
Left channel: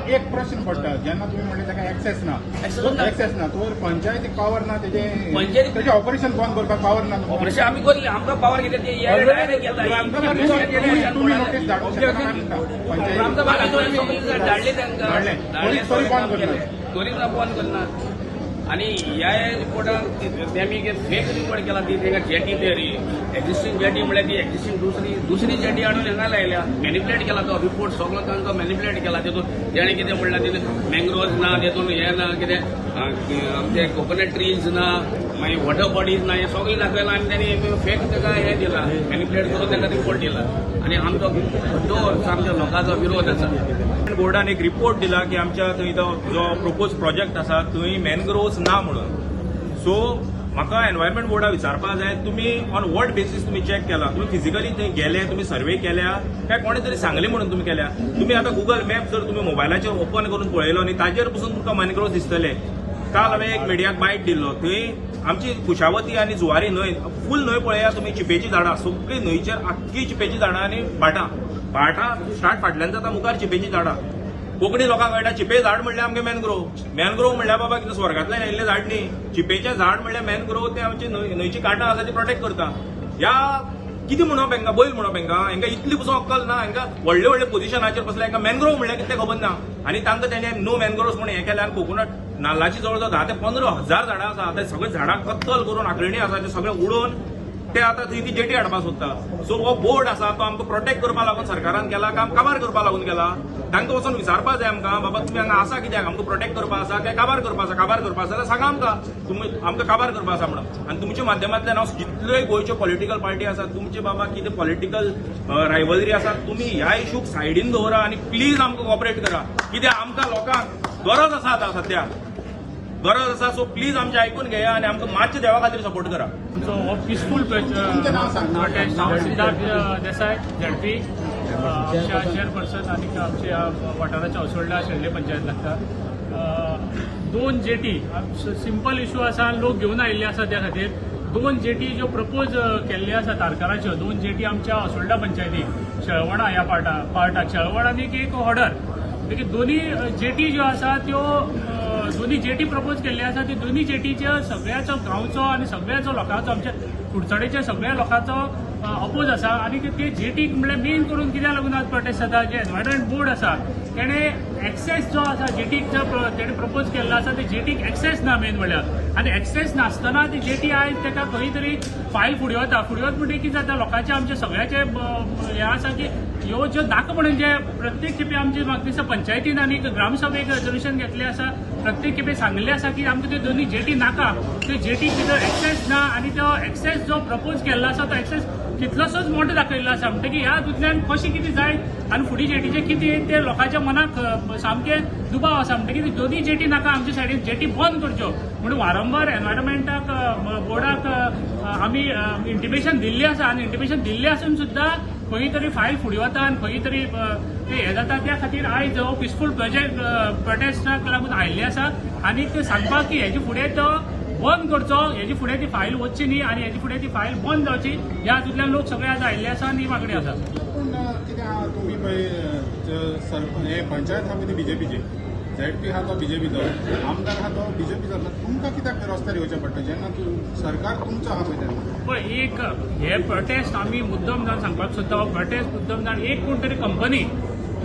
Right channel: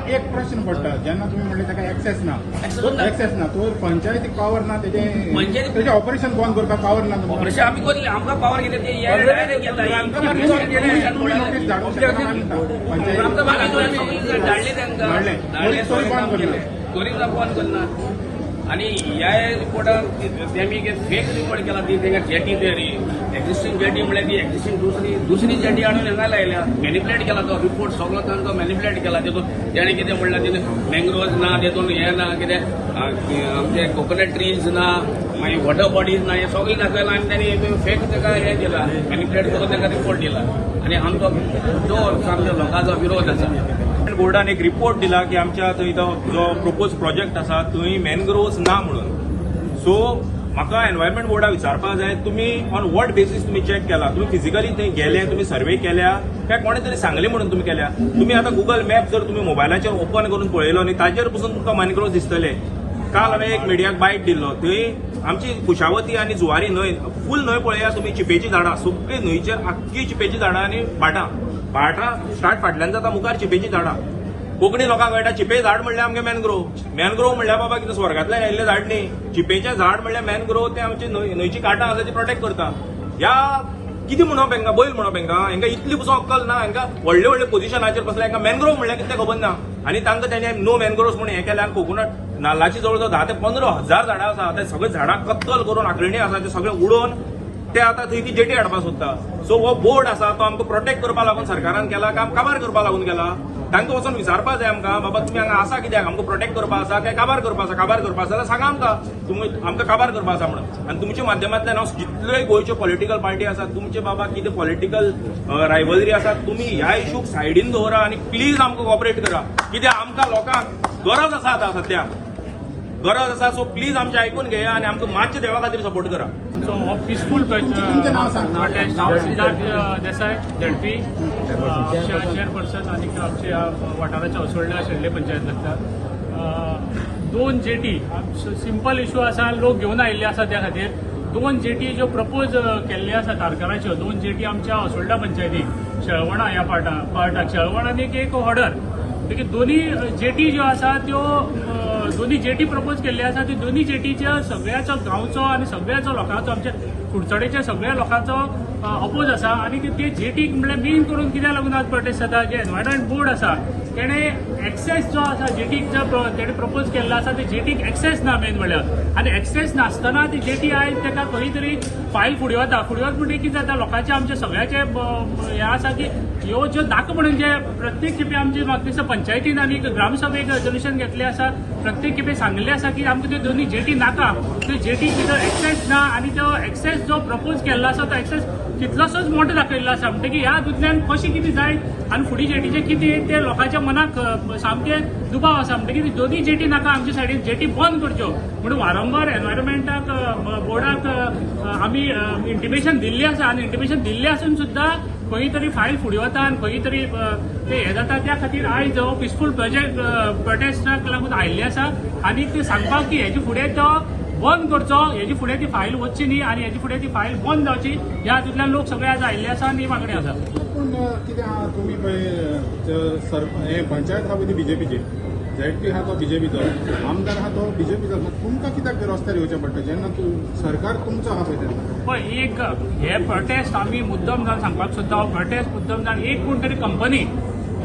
एक प्रश्न पडटा जेन्ना तुमी म्हणले ताका एक्सेस ना तो पंचायतीक पावर ना तेजे ऑपरेशन बंद करपाक पावर ना. ऑपरेशन आमी करले. आमकां पावर कितें ते डायरेक्ट येता. आमी धाडले तांकां त्वरीत बंद करना. आणि ह्या रिपोर्टान तेमी फेक रिपोर्ट केला. ती तेंगा जेटी तरी एक्झिस्टिंग जेटी म्हळ्यार ती एक्झिस्टिंग दुसरी जेटी हाडून हांगा लायल्या. मॅनिप्युलेट केला तो रिपोर्ट सगळो तांकां मॅनिप्युलेट केला. तेतून जेणे कितें म्हणलां तितून मँग्रोव्ज ना, तेतून हें ना, कितें आमचे कोकोनट ट्रीज ना, मागीर वॉटर बॉडीज ना, हें सगळें दाखयलां आनी तांणी फेक ताका हें दिलां मॅनिप्युलेट करून ताका रिपोर्ट दिला. आनी आमचो जोर आमच्या लोकांचो विरोध आसा. बोर्डान एक रिपोर्ट दिला की आमच्या थंय तो जो प्रपोज प्रोजेक्ट आसा थंय मॅनग्रोव्ज ना म्हणून. सो म्हाका एनवायरमेंट बोर्डाक विचारपाक जाय तुमी ऑन वॉट बेसीस तुमी चॅक केला? तुमी फिजिकली थंय गेले, तुमी सर्वे केल्या काय कोणे तरी सांगले म्हणून तुम्ही केल्या. तुम्ही आता गुगल मॅप जर तुम्ही मोबायलाचेर ओपन करून पळयलो न्ही ताजेर पसून तुमकां मॅनग्रोव्ह दिसतले. काल हांवें एक मिडियाक बायट दिल्लो, थंय आमची कुशावती आनी जुवारी न्हंय फूल न्हंय पळया तुम्ही, चिपेची झाडां सगळी न्हंयचेर आख्खी चिपेची झाडां आनी भाटां स्टार्ट फाटल्यान जाता मुखार चिपेची झाडां. कोंकणी लोकांक कळटा चिपे झाड म्हणल्यार आमगे मॅनग्रोव्ह म्हणल्यार बाबा कितें स्वर्गांतल्यान आयिल्लें झाड न्ही. चिपेचें झाड म्हणल्यार मॅनग्रोव्ह ते आमची न्हंयची कांटां आसा ती प्रोटेक्ट करता. ह्या कितें म्हणप हेंकां, बैल म्हणप हेंकां इतली पसून अक्कल ना. हेंकां व्हडले व्हडले पोझिशनाचेर बसल्या, हेंकां मॅनग्रोव्ह म्हणल्यार कितें खबर ना. आनी तांकां तेणे नो मॅनग्रोव्ह म्हणून हें केलें. आनी कोकोनट नाल्लाची जवळ जवळ 10 ते 15,000 झाडां आसा. ते सगळे झाडां कत्तल करून आंखळणी आसा ते सगळे उडोवन ते आतां थंय ती जेटी हाडपाक सोदता. सो हो बोर्ड आसा तो आमकां प्रोटेक्ट करपा लागून सरकारान केला काय काबार करपा लागून केला. तांकां वचून विचारपाक जाय आमकां, बाबा तुमी हांगा आसा कित्याक, आमकां प्रोटेक्ट करपा आसा काय काबार करपा आसा. काबार करपा आसा जाल्यार सांगा आमकां, तुमी आमकां काबार करपा आसा म्हणून. आनी तुमच्या माध्यमांतल्यान हांव जितल्योय गोंयच्यो पॉलिटिकल पार्टी आसात, तुमचे बाबा कितें पॉलिटिकल रायवलरी आसा, तुमी ह्या इशूक सायडीन दवरा आनी प्लीज आमकां कॉपरेट करा. कित्याक आमकां लोकांक गरज आसा आतां सद्याक गरज आसा. सो प्लीज आमचें आयकून घेया आनी आमकां मातशें देवा खातीर सपोर्ट करा. So, peaceful protest, हांव सिद्धार्थ देसाय झेडपी, आमच्या चेअरपर्सन आणि आमच्या वाठाराच्या असोळड्या शेल्डे पंचायत लागता. 2 जेटी सिंपल इश्यू आसा, लोक घेवन आयिल्ले आसा त्या खातीर. 2 जेटी ज्यो प्रपोज केल्ल्यो आसा तारकाराच्यो, 2 जेटी आमच्या असोळड्या पंचायतीक शेळवणा ह्या पार्टाक शेळवण आनी एक हॉडर. देखीक दोन्ही जेटी ज्यो आसा त्यो दोन्ही जेटी प्रपोज केल्ली आसा. ती दोन्ही जेटीच्या सगळ्याचो गांवचो आनी सगळ्याचो लोकांचो आमच्या कुडचडेच्या सगळ्या लोकांचो अपोज आसा. आनी ते जेटीक म्हणल्यार मेन करून कित्याक लागून आज प्रोटेस्ट जाता, जे एनवायरमेंट बोर्ड आसा तेणे एक्सेस जो आसा जेटीक तेणे प्रपोज केल्लो आसा ते जेटीक एक्सेस ना मेन म्हणल्यार. आनी एक्सेस नासतना ती जेटी आयज ताका खंय तरी फायल फुडें वता. फुडें वता म्हणजे कितें जाता, लोकांचे आमचे सगळ्याचे हें आसा की ह्यो ज्यो नाका म्हणून जे प्रत्येक खेपे आमचे म्हाका दिसता पंचायतीन आनी ग्रामसभेक रेजोल्युशन घेतलें आसा. प्रत्येक खेपे सांगलें आसा की आमकां त्यो दोन्ही जेटी नाका, त्यो जेटी भितर एक्सेस ना. आनी तो एक्सेस जो प्रपोज केल्लो आसा तो एक्सेस कितलोसोच मोठो दाखयल्लो आसा. म्हणटकीर ह्या हातूंतल्यान कशें कितें जाय आनी फुडें जेटीचें कितें ते लोकांच्या मनाक सामकें दुबाव आसा. म्हणटकीर दोन्ही जेटी नाका, आमचे सायडीन जेटी बंद करच्यो म्हणून वारंवार एनवायरमेंटाक बोर्डाक आमी इंटिमेशन दिल्ली आसा. आनी इंटिमेशन दिल्लें आसून सुद्दां खंय तरी फायल फुडें वता आनी खंय तरी ते हें जाता. त्या खातीर आयज हो पिसफूल प्रोटेस्टाक लागून आयिल्ले आसा. आनी ते सांगपाक की हेजे फुडें तो बंद करचो, हेजे फुडें ती फायल वचची न्ही आनी हेजे फुडें ती फायल बंद जावची. ह्या हातूंतल्यान लोक सगळे आज आयिल्ले आसा आनी ही मागणी आसा. पूण कितें आहा तुमी पळय हे पंचायत आहा पळय बीजेपीचे, झेडपी आहा तो बीजेपीचो, आमदार आहा तो बीजेपीचो. तुमकां कित्याक रस्त्यार येवचें पडटा जेन्ना सरकार तुमचो आहा पळय तेन्ना? पळय एक हे प्रोटेस्ट आमी मुद्दम जावन सांगपाक सोदता. हो प्रोटेस्ट मुद्दम जावन एक कोण तरी कंपनी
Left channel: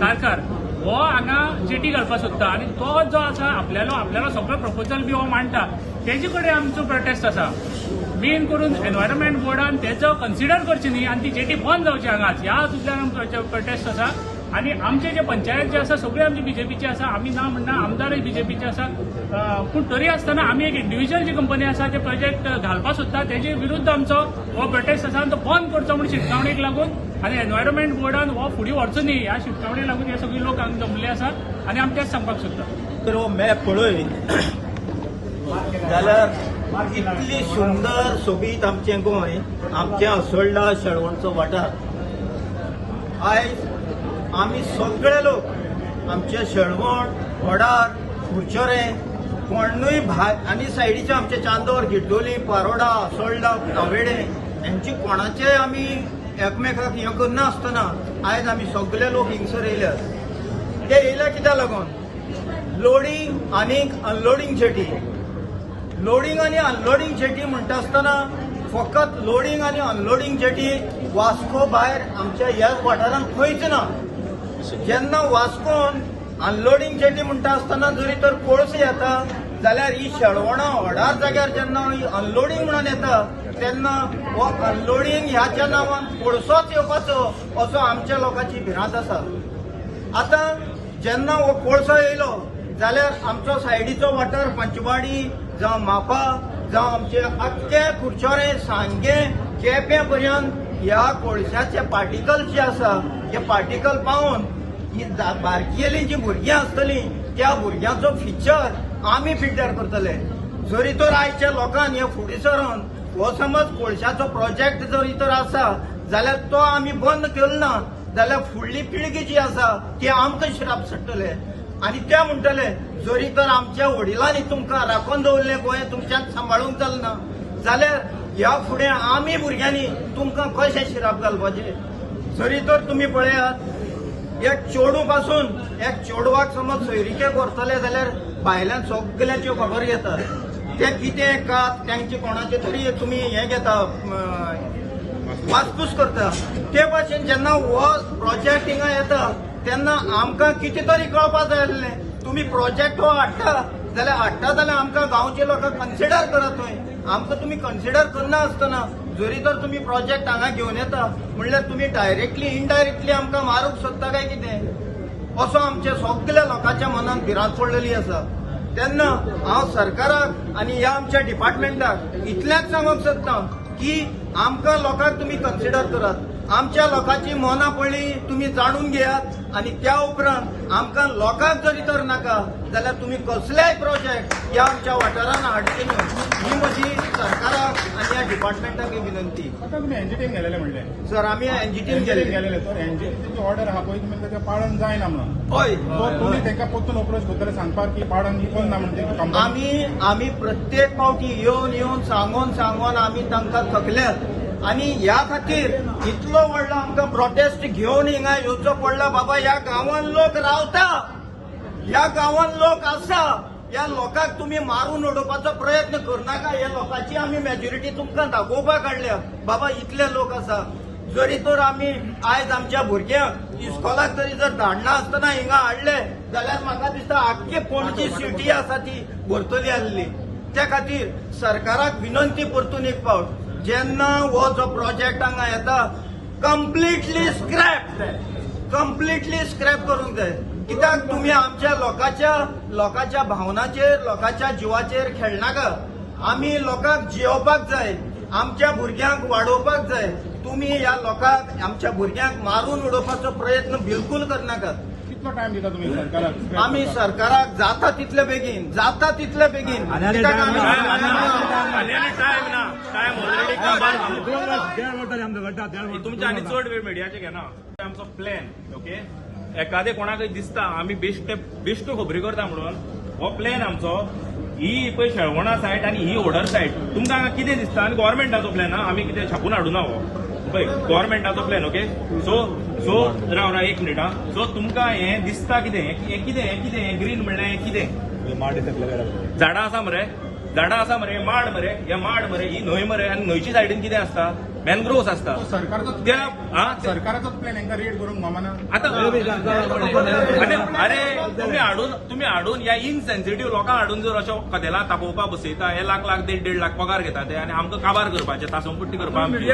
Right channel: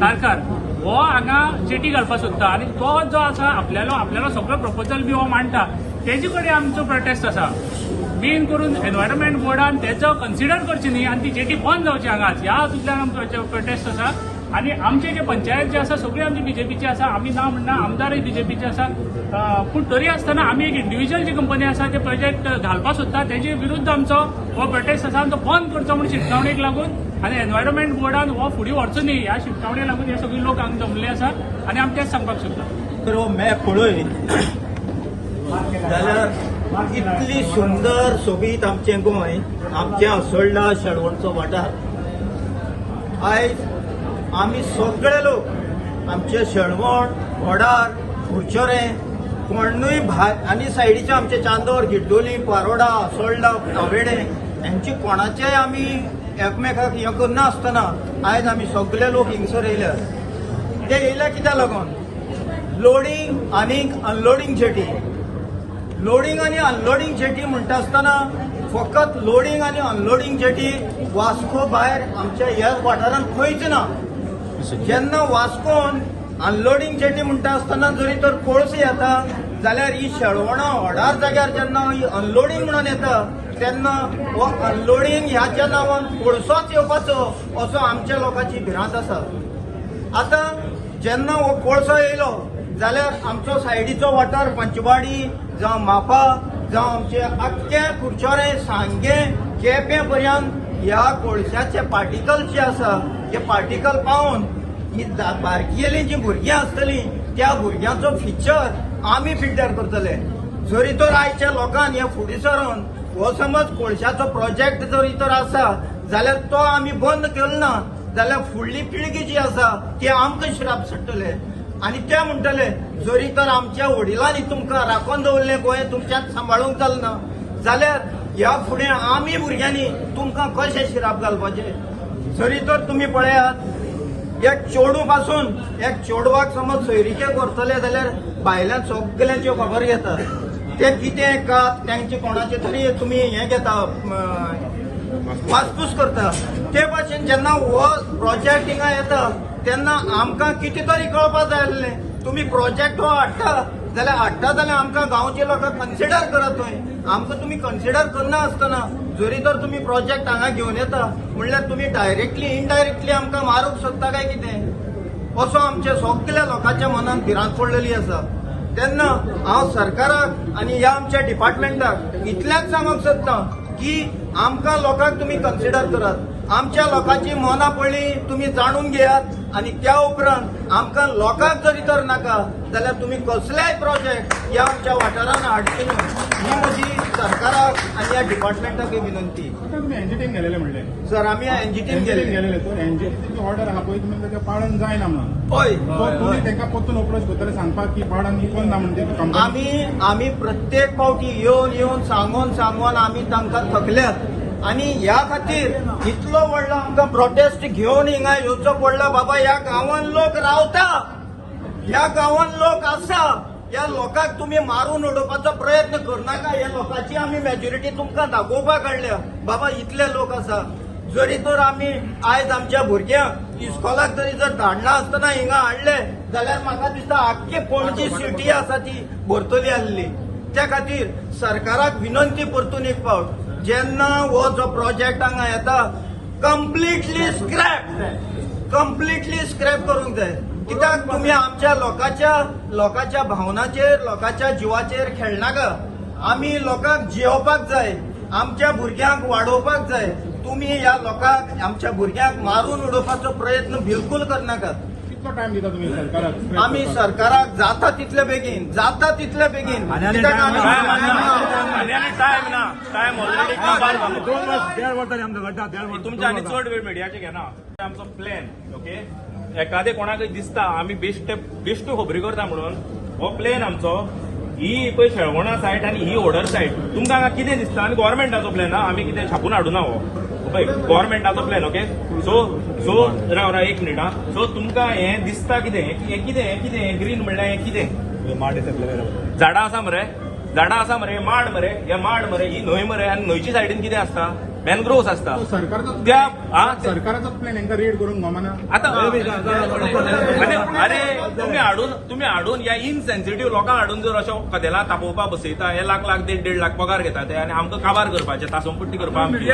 कारकार हो हांगा जेटी घालपाक सोदता आनी तो जो आसा आपल्यालो सगळो प्रपोजल बी हो मांडटा. तेजे कडेन आमचो प्रोटेस्ट आसा. मेन करून एनवायरमेंट बोर्डान तेजो कन्सिडर करची न्ही आनी ती जेटी बंद जावची हांगाच. ह्या हातूंतल्यान आमचो प्रोटेस्ट आसा. आनी आमचे जे पंचायत जे आसा सगळे आमचे बीजेपीचे आसा. आमी ना म्हणना आमदारय बीजेपीचे आसा. पूण तरी आसतना आमी एक इंडिव्हिज्युअल जी कंपनी आसा ते प्रोजेक्ट घालपाक सोदता तेजे विरुद्ध आमचो हो प्रोटेस्ट आसा. आनी तो बंद करचो म्हणून शिटकावणेक लागून आनी एनवायरमेंट बोर्डान हो फुडें व्हरचो न्ही ह्या शिटकावणेक लागून हे सगळे लोक हांगा जमले आसा. आनी आमी तेच सांगपाक सोदता. तर हो मॅप पळय जाल्यार इतली सुंदर सोबीत आमचें गोंय, आमच्या असोळडा शेळवणचो वाठार. आयज आमी सगळे लोक आमचे शेळवण, वडार, कुडचोरे, कोणूय आनी सायडीचे आमचे चांदोर, गिड्डोली, पारोडा, असोळडा, कावेडे हेंची कोणाचेय आमी एकमेकाक हें करनासतना आयज आमी सगळे लोक हिंगसर येयल्यात. ते येयल्या कित्याक लागून लोडिंग आनीक अनलोडिंग जेटी. लोडिंग आनी अनलोडिंग जेटी म्हणटा आसतना फकत लोडिंग आनी अनलोडिंग जेटी वास्को भायर आमच्या ह्या वाठारांत खंयच ना. जेन्ना वास्कोन अनलोडिंग जेटी म्हणटा आसतना जरी तर कोळसो येता जाल्यार ही शेळवणा व्हडार जाग्यार जेन्ना ही अनलोडिंग म्हणून येता तेन्ना हो अनलोडिंग ह्याच्या नांवान कोळसोच येवपाचो असो आमच्या लोकांची भिरांत आसा. आतां जेन्ना हो कोळसो येयलो जाल्यार आमचो सायडीचो वाठार पंचवाडी जावं म्हापा जावं आमचे आख्खे कुडचोरे, सांगे, केपें पर्यंत ह्या कोळशाचे पार्टिकल्स जे आसा ते पार्टिकल पावून ही बारकेली जी भुरगीं आसतलीं त्या भुरग्यांचो फ्युचर आमी पिड्ड्यार करतले. जरी तर आयच्या लोकांनी हे फुडें सरून हो समज कोळशाचो प्रोजेक्ट जरी तर आसा जाल्यार तो आमी बंद केलो ना जाल्यार फुडली पिळगी जी आसा ती आमकां श्राप सुट्टले आनी ते म्हणटले जरी तर आमच्या वडिलांनी तुमकां राखून दवरलें गोंय तुमच्यान सांबाळूंक जालना जाल्यार ह्या फुडें आमी भुरग्यांनी तुमकां कशें श्राप घालपाचे. जरी तर तुमी पळयात एक चेडू पासून एक चेडवाक समज सोयरीके करतले जाल्यार भायल्यान सगळ्यांची खबर घेता ते कितें का त्यांचे कोणाचे तरी तुमी हें घेता वासपूस करता. ते भाशेन जेन्ना हो प्रोजेक्ट हिंगा येता तेन्ना आमकां कितें तरी कळपाक जाय आसलें. तुमी प्रोजेक्ट हो हाडटा जाल्यार आमकां गांवचे लोक कन्सिडर करात थंय. आमकां तुमी कन्सिडर करना आसतना जरी तर तुमी प्रोजेक्ट हांगा घेवन येता म्हणल्यार तुमी डायरेक्टली इनडायरेक्टली आमकां मारूंक सोदता काय कितें असो आमच्या सगळ्या लोकांच्या मनात भिरांत पडलेली आसा. तेन्ना हांव सरकाराक आनी ह्या आमच्या डिपार्टमेंटाक इतलेंच सांगूंक सोदतां की आमकां लोकांक तुमी कन्सिडर करात. आमच्या लोकांची मनां पडली तुमी जाणून घेयात आनी त्या उपरांत आमकां लोकांक जरी तर नाका जाल्यार तुमी कसलेय प्रोजेक्ट ह्या आमच्या वाठारांत हाडचे न्हय ही म्हजी सरकाराक आनी ह्या डिपार्टमेंटाक विनंती. आता तुम्ही एनजीटीन गेलेले म्हणले सर आमी एनजीटीन गेले तर एनजीटीची ऑर्डर आहा पळय तुमी तें पाळन जायना म्हणून हय तुमी तांकां परतून अप्रोच करतले सांगतात की पाळन विकून ना म्हणजे आमी प्रत्येक फावटी येवन सांगून आमी तांकां थकल्यात आनी ह्या खातीर इतलो व्हडलो आमकां प्रोटेस्ट घेवन हिंगा येवचो पडला. बाबा ह्या गांवांत लोक रावता ह्या गांवांत लोक आसा ह्या लोकांक तुमी मारून उडोवपाचो प्रयत्न करनाका. ह्या लोकांची आमी मेजॉरिटी तुमकां दाखोवपाक हाडल्या. बाबा इतले लोक आसा जरी तर आमी आयज आमच्या भुरग्यांक इस्कॉलाक जरी जर धाडना आसतना हिंगा हाडले जाल्यार म्हाका दिसता आख्खी पणजी सिटी आसा ती भरतली आसली. त्या खातीर सरकाराक विनंती परतून एक फावट जेन्ना हो जो प्रोजेक्ट हांगा येता कम्प्लिटली स्क्रॅप करूंक जाय. कित्याक तुमी आमच्या लोकांच्या भावनाचेर लोकांच्या जिवाचेर खेळनाका. आमी लोकांक जेवपाक जाय आमच्या भुरग्यांक वाडोवपाक जाय. तुमी ह्या लोकांक आमच्या भुरग्यांक मारून उडोवपाचो प्रयत्न बिलकुल करनाकात. कितलो टायम दिता तुम्ही सरकाराक आमी सरकाराक जाता तितले बेगीन कित्याक आमी टायम ऑलरेडी काबार जालो. तुमच्या आनी चड वेळ मिडियाचे घेना. आमचो प्लॅन ओके एखादे कोणाकय दिसता आमी बेश्ट खबरी करता म्हणून हो प्लॅन आमचो ही पळय शेळवणा सायट आनी ही ओडर सायट तुमकां हांगा कितें दिसता आनी गव्हर्मेंटाचो प्लॅन हा आमी कितें छापून हाडूना हो पळय गव्हर्मेंटाचो प्लॅन ओके. सो राव एक मिनिट हा. सो तुमकां हें दिसता कितें हें कितें ग्रीन म्हणल्यार हें कितें झाडां आसा मरे माड मरे ही न्हंय मरे आनी न्हंयची सायडीन कितें आसता मॅनग्रोव्स आसता त्या सरकाराचो प्लॅन हांकां रीड करूंक मामाना आता अरे तुम्ही हाडून या इनसेन्सिटिव्ह लोकांक हाडून जर अशें कदेलां तापोवपाक बसयता हे लाख 1.5 पगार घेता ते आनी आमकां काबार करपाचे तासमपट्टी करपाक आमची.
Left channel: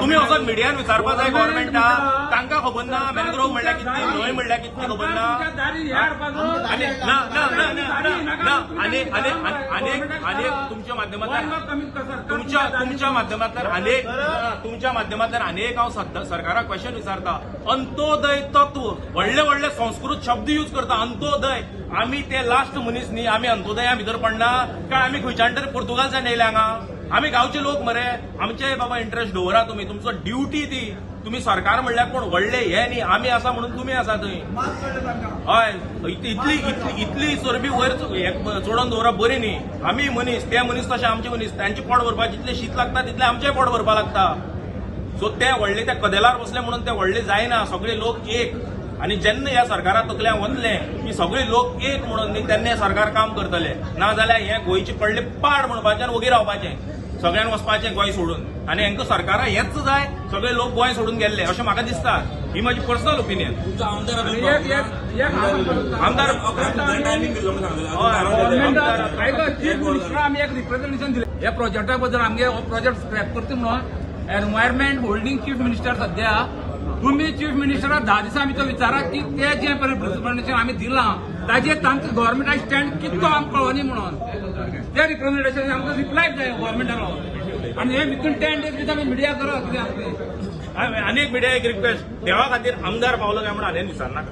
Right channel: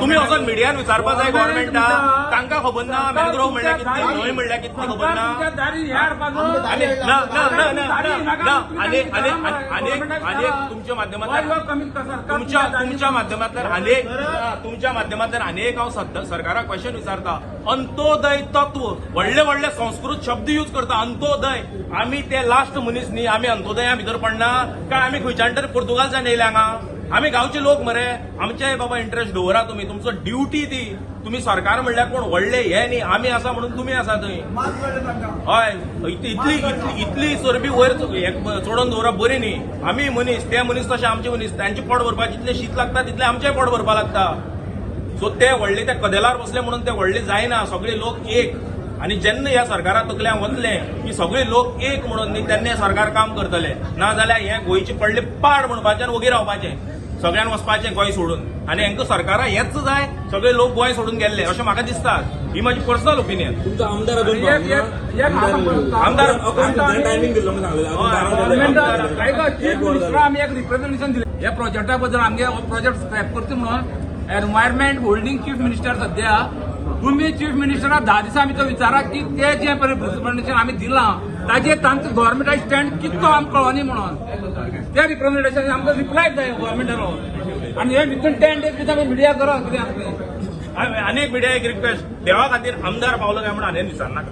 तुमी वचोन मिडियान विचारपाक जाय गव्हर्मेंटा तांकां खबर ना मॅनग्रोव म्हणल्यार कितली न्हंय म्हणल्यार कितली खबर ना. आनी आनी तुमच्या माध्यमांतल्यान अनेक हांव सरकाराक क्वेश्चन विचारता. अंत्योदय तत्व व्हडले संस्कृत शब्द यूज करता. अंत्योदय आमी ते लास्ट मनीस न्ही आमी अंत्योदया भितर पडना काय आमी खंयच्यान तरी पुर्तुगालच्यान येयले हांगा. आमी गांवचे लोक मरे आमचेय बाबा इंटरेस्ट दवरा तुमी तुमचो ड्युटी ती. तुम्ही सरकार म्हणल्यार कोण व्हडले हे न्ही आमी आसा म्हणून तुमी आसा थंय. हय इतली चरबी वयर चोडोन दवरप बरी न्ही. आमी मनीस ते मनीस तशे आमचे मनीस तांचे पोट भरपाक जितले शीत लागता तितले आमचेय पोट भरपाक लागता. सो ते व्हडले त्या कदेलार बसले म्हणून ते व्हडले जायना. सगळे लोक एक आनी जेन्ना ह्या सरकारा तकल्यान वतले की सगळे लोक एक म्हणून न्ही तेन्ना सरकार काम करतले. ना जाल्यार हे गोंयचे पडले पाड म्हणपाचें आनी वगी रावपाचें सगळ्यान वचपाचें गोंय सोडून. आनी हांकां सरकारा हेच जाय सगळे लोक गोंय सोडून गेल्ले अशें म्हाका दिसता. ही म्हाजी पर्सनल ओपिनियन. आमदार आमी एक रिप्रेझेंटेशन दिलें ह्या प्रोजेक्टा बद्दल आमगे हो प्रोजेक्ट स्क्रॅप करता म्हणून. एनवायरमेंट होल्डिंग चीफ मिनिस्टर सध्या तुम्ही चीफ मिनिस्टराक 10 दिसा भितर विचारा की ते जे रिप्रेझेंटेशन आमी दिलां ताजेर तांचो गव्हर्मेंटाचो स्टँड कितलो आमकां कळोनी म्हणून. त्या रिप्रेझेंटेशन आमकां रिप्लाय जाय गव्हर्मेंटानो आनी हे विथीन 10 days भितर आमी मिडिया करा कितें आसलें. अनेक मिडिया एक रिक्वेस्ट देवा खातीर आमदार पावलो काय म्हणून हांवें विचारनाका.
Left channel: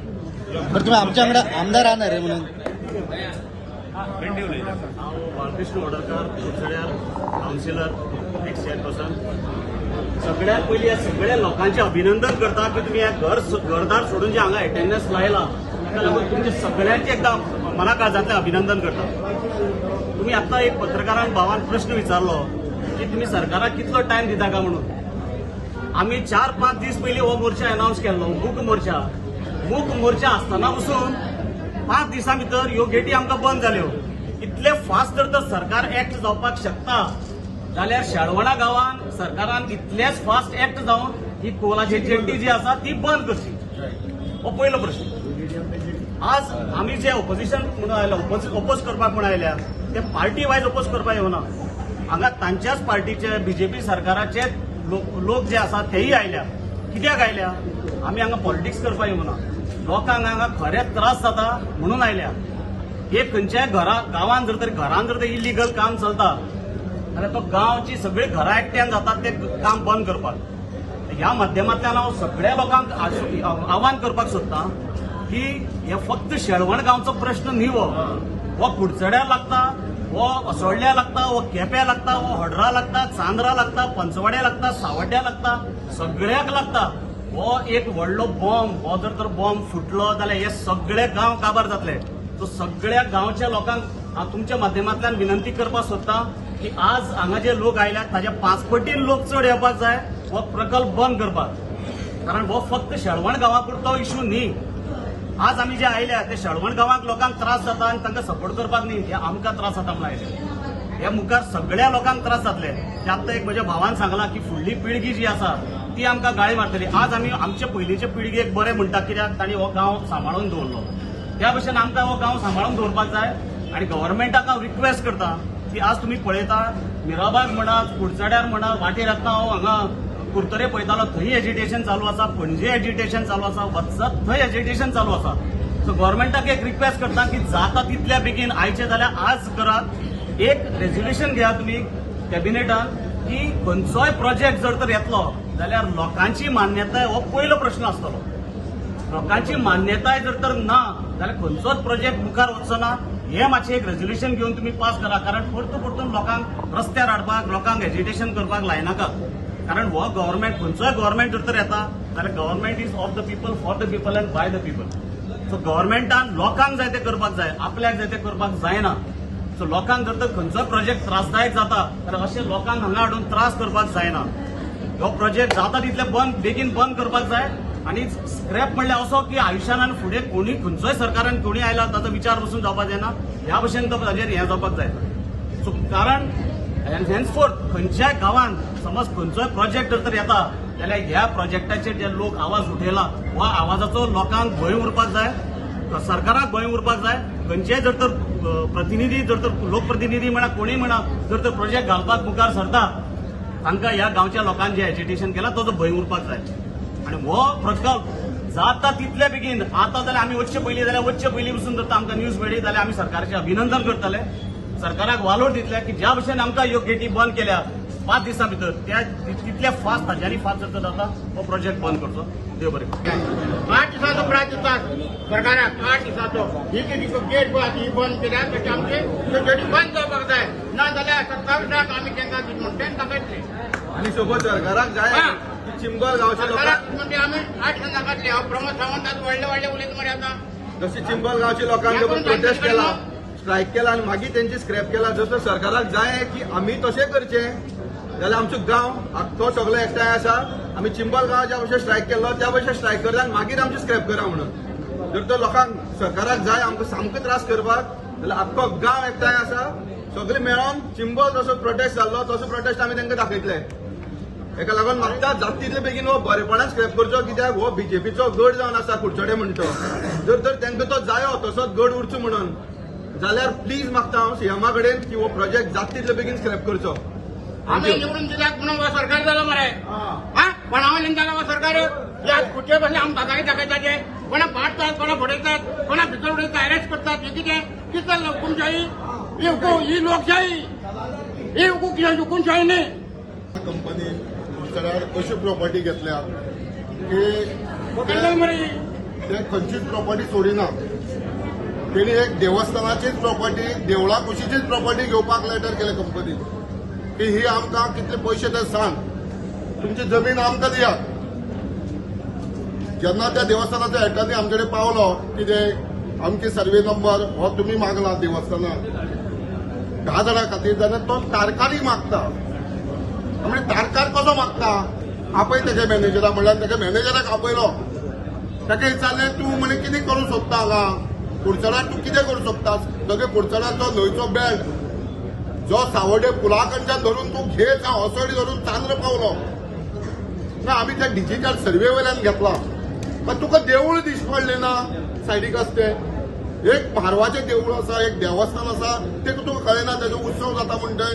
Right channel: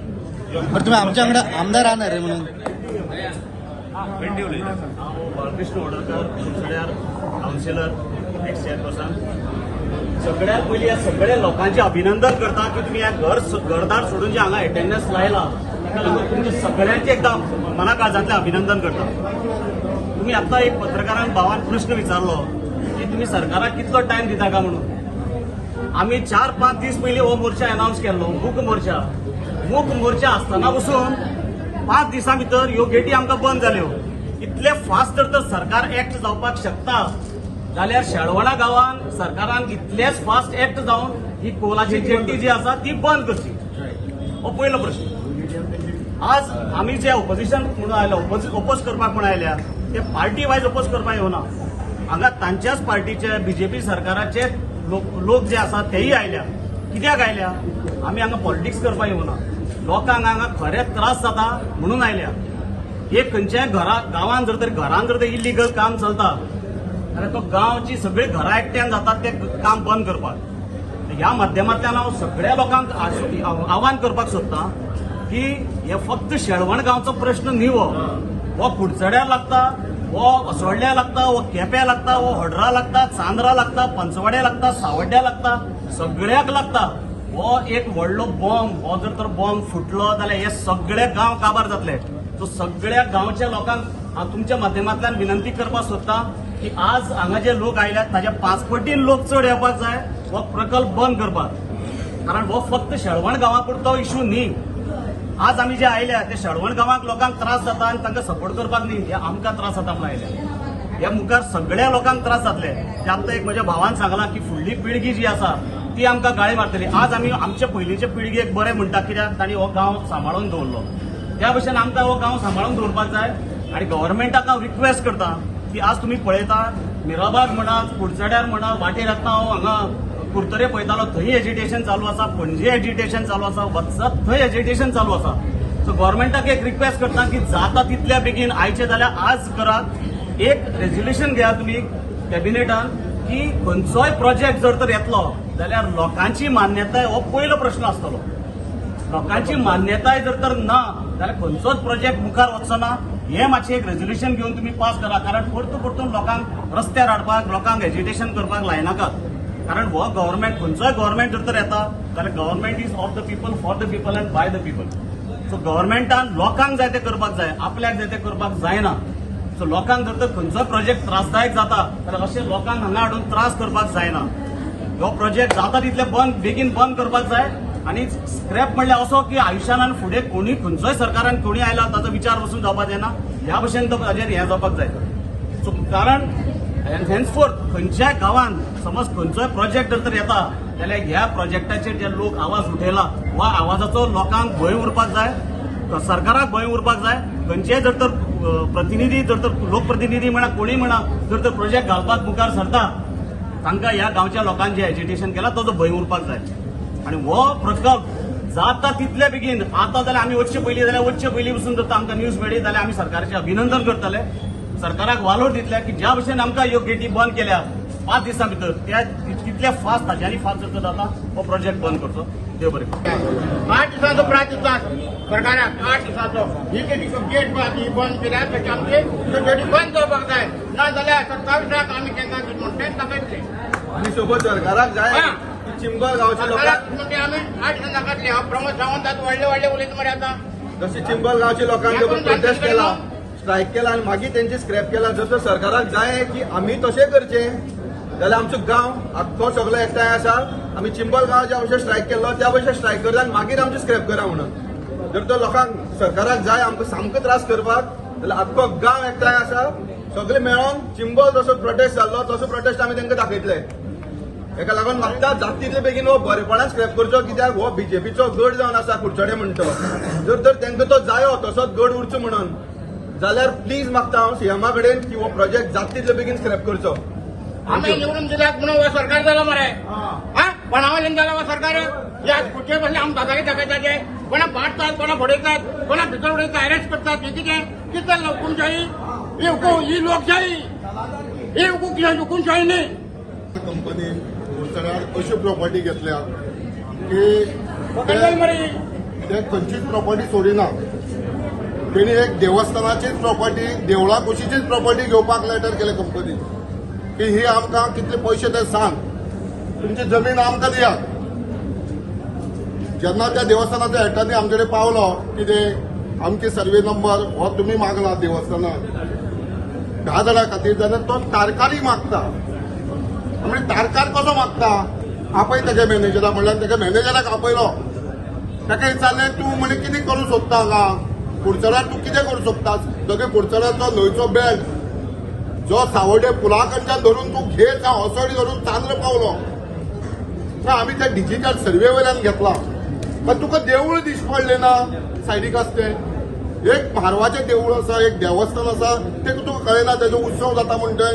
हांव बाळकृष्ण वडोदकर कुडचड्यार कावन्सिलर एक्स चेअरपर्सन. सगळ्यात पयलीं ह्या सगळ्या लोकांचे अभिनंदन करता की तुम्ही घरदार सोडून जे हांगा अटेंडन्स लायला ताका लागून तुमचे सगळ्यांचे एकदम मनाकाळजांतले अभिनंदन करता. तुम्ही आता एक पत्रकारांक भावान प्रश्न विचारलो की तुम्ही सरकाराक कितलो टायम दिता का म्हणून. आम्ही 4-5 दीस पयलीं हो मोर्चा अनाउन्स केल्लो, मूक मोर्चा आसतना पसून 5 दिसां भितर ह्यो गेटी आमकां बंद जाल्यो. इतले फास्ट जर तर सरकार एक्ट जावपाक शकता जाल्यार शेळवणा गांवान सरकारान इतलेच फास्ट एक्ट जावन ही कोलाची जेट्टी जी आसा ती बंद करची. हो पयलो प्रश्न. आज आमी जे ऑपोजिशन म्हणून आयल्या, ओपोज करपाक म्हणून आयल्या, ते पार्टी वायज ओपोज करपाक येवना. हांगा तांच्याच पार्टीचे बीजेपी सरकाराचे लोक जे आसा तेही आयल्या. कित्याक आयल्या? आमी हांगा पॉलिटिक्स करपाक येवना. लोकांक हांगा खरे त्रास जाता म्हणून आयल्या. एक खंयच्याय गांवांत जर तर इलिगल काम चलता जाल्यार तो गांवची सगळी घरां एकट्यान जातात ते काम बंद करपाक. ह्या माध्यमांतल्यान हांव सगळ्या लोकांक आव्हान करपाक सोदतां की हे फक्त शेळवण गांवचो प्रश्न न्ही. हो कुडचड्यार लागता, हो असोळड्या लागता, हो केप्यां लागता, हो हड्रा लागता, चांद्रा लागता, पंचवाड्या लागता, सावड्ड्या लागता, सगळ्याक लागता. हो एक व्हडलो बॉम्ब, हो जर तर बॉम्ब फुटलो जाल्यार हे सगळे गांव काबार जातले. सो सगळ्या गांवच्या लोकांक हांव तुमच्या माध्यमांतल्यान विनंती करपाक सोदतां की आज हांगा जे लोक आयल्यात ताच्या 5 पटीन लोक चड येवपाक जाय हो प्रकल्प बंद करपाक. कारण हो फक्त शेळवण गांवा पुरतो इश्यू न्ही. आज आमी जे आयल्या ते शेळवण गांवांक लोकांक त्रास जाता आनी तांकां सपोर्ट करपाक न्ही, हे आमकां त्रास जाता म्हणून आयल्या. हे मुखार सगळ्या लोकांक त्रास जातले. ते आतां एक म्हज्या भावान सांगलां की फुडली पिळगी जी आसा ती आमकां गाळी मारतली. आज आमी आमचे पयलींचे पिळगेक बरें म्हणटा कित्याक तांणी हो गांव सांबाळून दवरलो. त्या भशेन आमकां हो गांव सांबाळून दवरपाक जाय. आनी गव्हर्नमेंटाक हांव रिक्वेस्ट करता की आज तुम्ही पळयतात मिराबाग म्हणा, कुडचड्यार म्हणा, वाटेर आतां हांव हांगा कुर्तरे पळयतालो थंय एजिटेशन चालू आसा, पणजे एजिटेशन चालू आसा, वचत थंय एजिटेशन चालू आसा. सो गव्हर्नमेंटाक एक रिक्वेस्ट करता की जाता तितल्या बेगीन आयचे जाल्यार आज करात. एक रेझोल्युशन घेया तुमी कॅबिनेटान की खंयचोय प्रोजेक्ट जर तर येतलो जाल्यार लोकांची मान्यताय हो पयलो प्रश्न आसतलो. लोकांची मान्यताय जर तर ना जाल्यार खंयचोच प्रोजेक्ट मुखार वचचो ना. हे मातशें एक रेझोल्युशन घेवन तुम्ही पास करा. कारण परतून लोकांक रस्त्यार हाडपाक, लोकांक एजिटेशन करपाक लायनाकात. कारण हो गव्हर्नमेंट खंयचोय गव्हर्नमेंट जर तर येता जाल्यार government is of the people, for the people and by the people. So गव्हर्नमेंटान लोकांक जाय ते करपाक जाय, आपल्याक जाय ते करपाक जायना. सो लोकांक जर तर खंयचोय प्रोजेक्ट त्रासदायक जाता जाल्यार अशें लोकांक हांगा हाडून त्रास करपाक जायना. हो प्रोजेक्ट जाता तितले बेगीन बंद करपाक जाय. आणि स्क्रॅप म्हणल्यार असो की आयुष्यान आनी फुडें कोणी खंयचोय सरकारान कोणी आयला ताचो विचार वचून जावपाक जायना. ह्या भशेन तो ताजेर हें जावपाक जाय. सो कारण हेन्सफोर्थ खंयच्याय गांवांत समज खंयचोय प्रोजेक्ट जर तर येता जाल्यार ह्या प्रोजेक्टाचेर जे लोक आवाज उठयला वा आवाजाचो लोकांक भंय उरपाक जाय, सरकाराक भंय उरपाक जाय. खंयचेय जर तर प्रतिनिधी जर तर लोकप्रतिनिधी म्हणा कोणी म्हणा जर तर प्रोजेक्ट घालपाक मुखार सरता तांकां ह्या गांवच्या लोकांक जे एजिटेशन केलां ताचो भंय उरपाक जाय. आणि हो प्रकल्प जाता तितले बेगीन आता जाल्यार आमी वचचे पयलीं पसून जर आमकां न्यूज मेळ्ळी जाल्यार आमी सरकाराचें अभिनंदन करतले, सरकाराक वालोर दितले की ज्या भशेन आमकां ह्यो गेटी बंद केल्या 5 दिसां भितर त्या तितले फास्ट ताज्यानी फास्ट जर जाता हो प्रोजेक्ट बंद करचो. देव बरें करूं. 8 दिसाचो प्राय दितात सरकाराक. 8 दिसाचो ही गेट ही बंद केल्या तशी आमची गेटी बंद जावपाक जाय. ना जाल्यार 27 आमी तांकां म्हणटे दाखयतले. आणि सोबत सरकाराक जाय की चिंबल गांवच्या लोकांक म्हणजे आमी 8 दिसां दाखयतले. हांव प्रमोद सावंत आतां व्हडले उलयता मरे आतां. जशी चिंबल गांवच्या लोकांनी प्रोटेस्ट केला, स्ट्रायक केला आणि मागीर त्यांची स्क्रॅप केला. जर तर सरकाराक जाय की आम्ही तशें करचें जाल्यार आमचो गांव आख्खो सगळो एकठांय आसा. आमी चिंबल गांव ज्या भशेन स्ट्रायक केल्लो त्या भशेन स्ट्रायक करता आनी मागीर आमची स्क्रॅप करा म्हणून. जर तर लोकांक सरकाराक जाय आमकां सामको त्रास करपाक जाल्यार आख्खो गांव एकठांय आसा. सगळे मेळोन चिंबल जसो प्रोटेस्ट जाल्लो तसो प्रोटेस्ट आमी तांकां दाखयतले. हेका लागून मागता जाता तितले बेगीन हो बरेपणान स्क्रॅप करचो. कित्याक हो बीजेपीचो गड जावन आसा कुडचडे म्हणटो. जर तर तांकां तो जायो तसोच गड उरचो म्हणून जाल्यार प्लीज मागता हांव सीएमा कडेन की हो प्रोजेक्ट जाता तितले बेगीन स्क्रॅप करचो. आम्ही निवडून दिल्याक म्हणून हो सरकार जालो मरे. कोणावयल्यान जाला हो सरकार. या खुर्चे बसले आमी दादारी दाखयताचे. कोणा पाडतात, कोणा फोडयतात, कोणा भितर उडयतात, अरेस्ट करतात. हे कितें जाल्लं हुकुमशाही? ही लोकशाही, ही हुकुमशाही न्ही. कंपनी कुडचड्यार अशी प्रॉपर्टी घेतल्या की ते खंयचीच प्रॉपर्टी सोडिना. तेणी एक देवस्थानाचीच प्रॉपर्टी, देवळा कुशीचीच प्रॉपर्टी घेवपाक लेटर केले कंपनी की ही आमकां कितले पयशे ते सांग, तुमची जमीन आमकां दियात. जेन्ना त्या देवस्थानाच्या हेठांनी आमचे कडेन पावलो कितें आमचे सर्वे नंबर हो तुमी मागला देवस्थानाक 10 जाणां खातीर, जाल्यार तो तारकारी मागता. म्हणजे तारकार कसो मागता? आपय तेगे मॅनेजराक म्हणल्यार तेगे मॅनेजराक आपयलो, ताका विचारलें तूं म्हणे कितें करूं सोदता हांगा कुडचड्यार, तूं कितें करूं सोदता? सगळे कुडचड्याचो न्हंयचो बेल्ट जो सावड्डे पुला कडच्यान धरून तूं घेत होसोडी धरून चांद्र पावलो ना. आमी त्या डिजिटल सर्वे वयल्यान घेतला. पण तुका देवूळ दिश पडलें ना सायडीक आसते? एक म्हारवाचें देवूळ आसा, एक देवस्थान आसा, ते तुका कळना तेजो उत्सव जाता म्हणटय.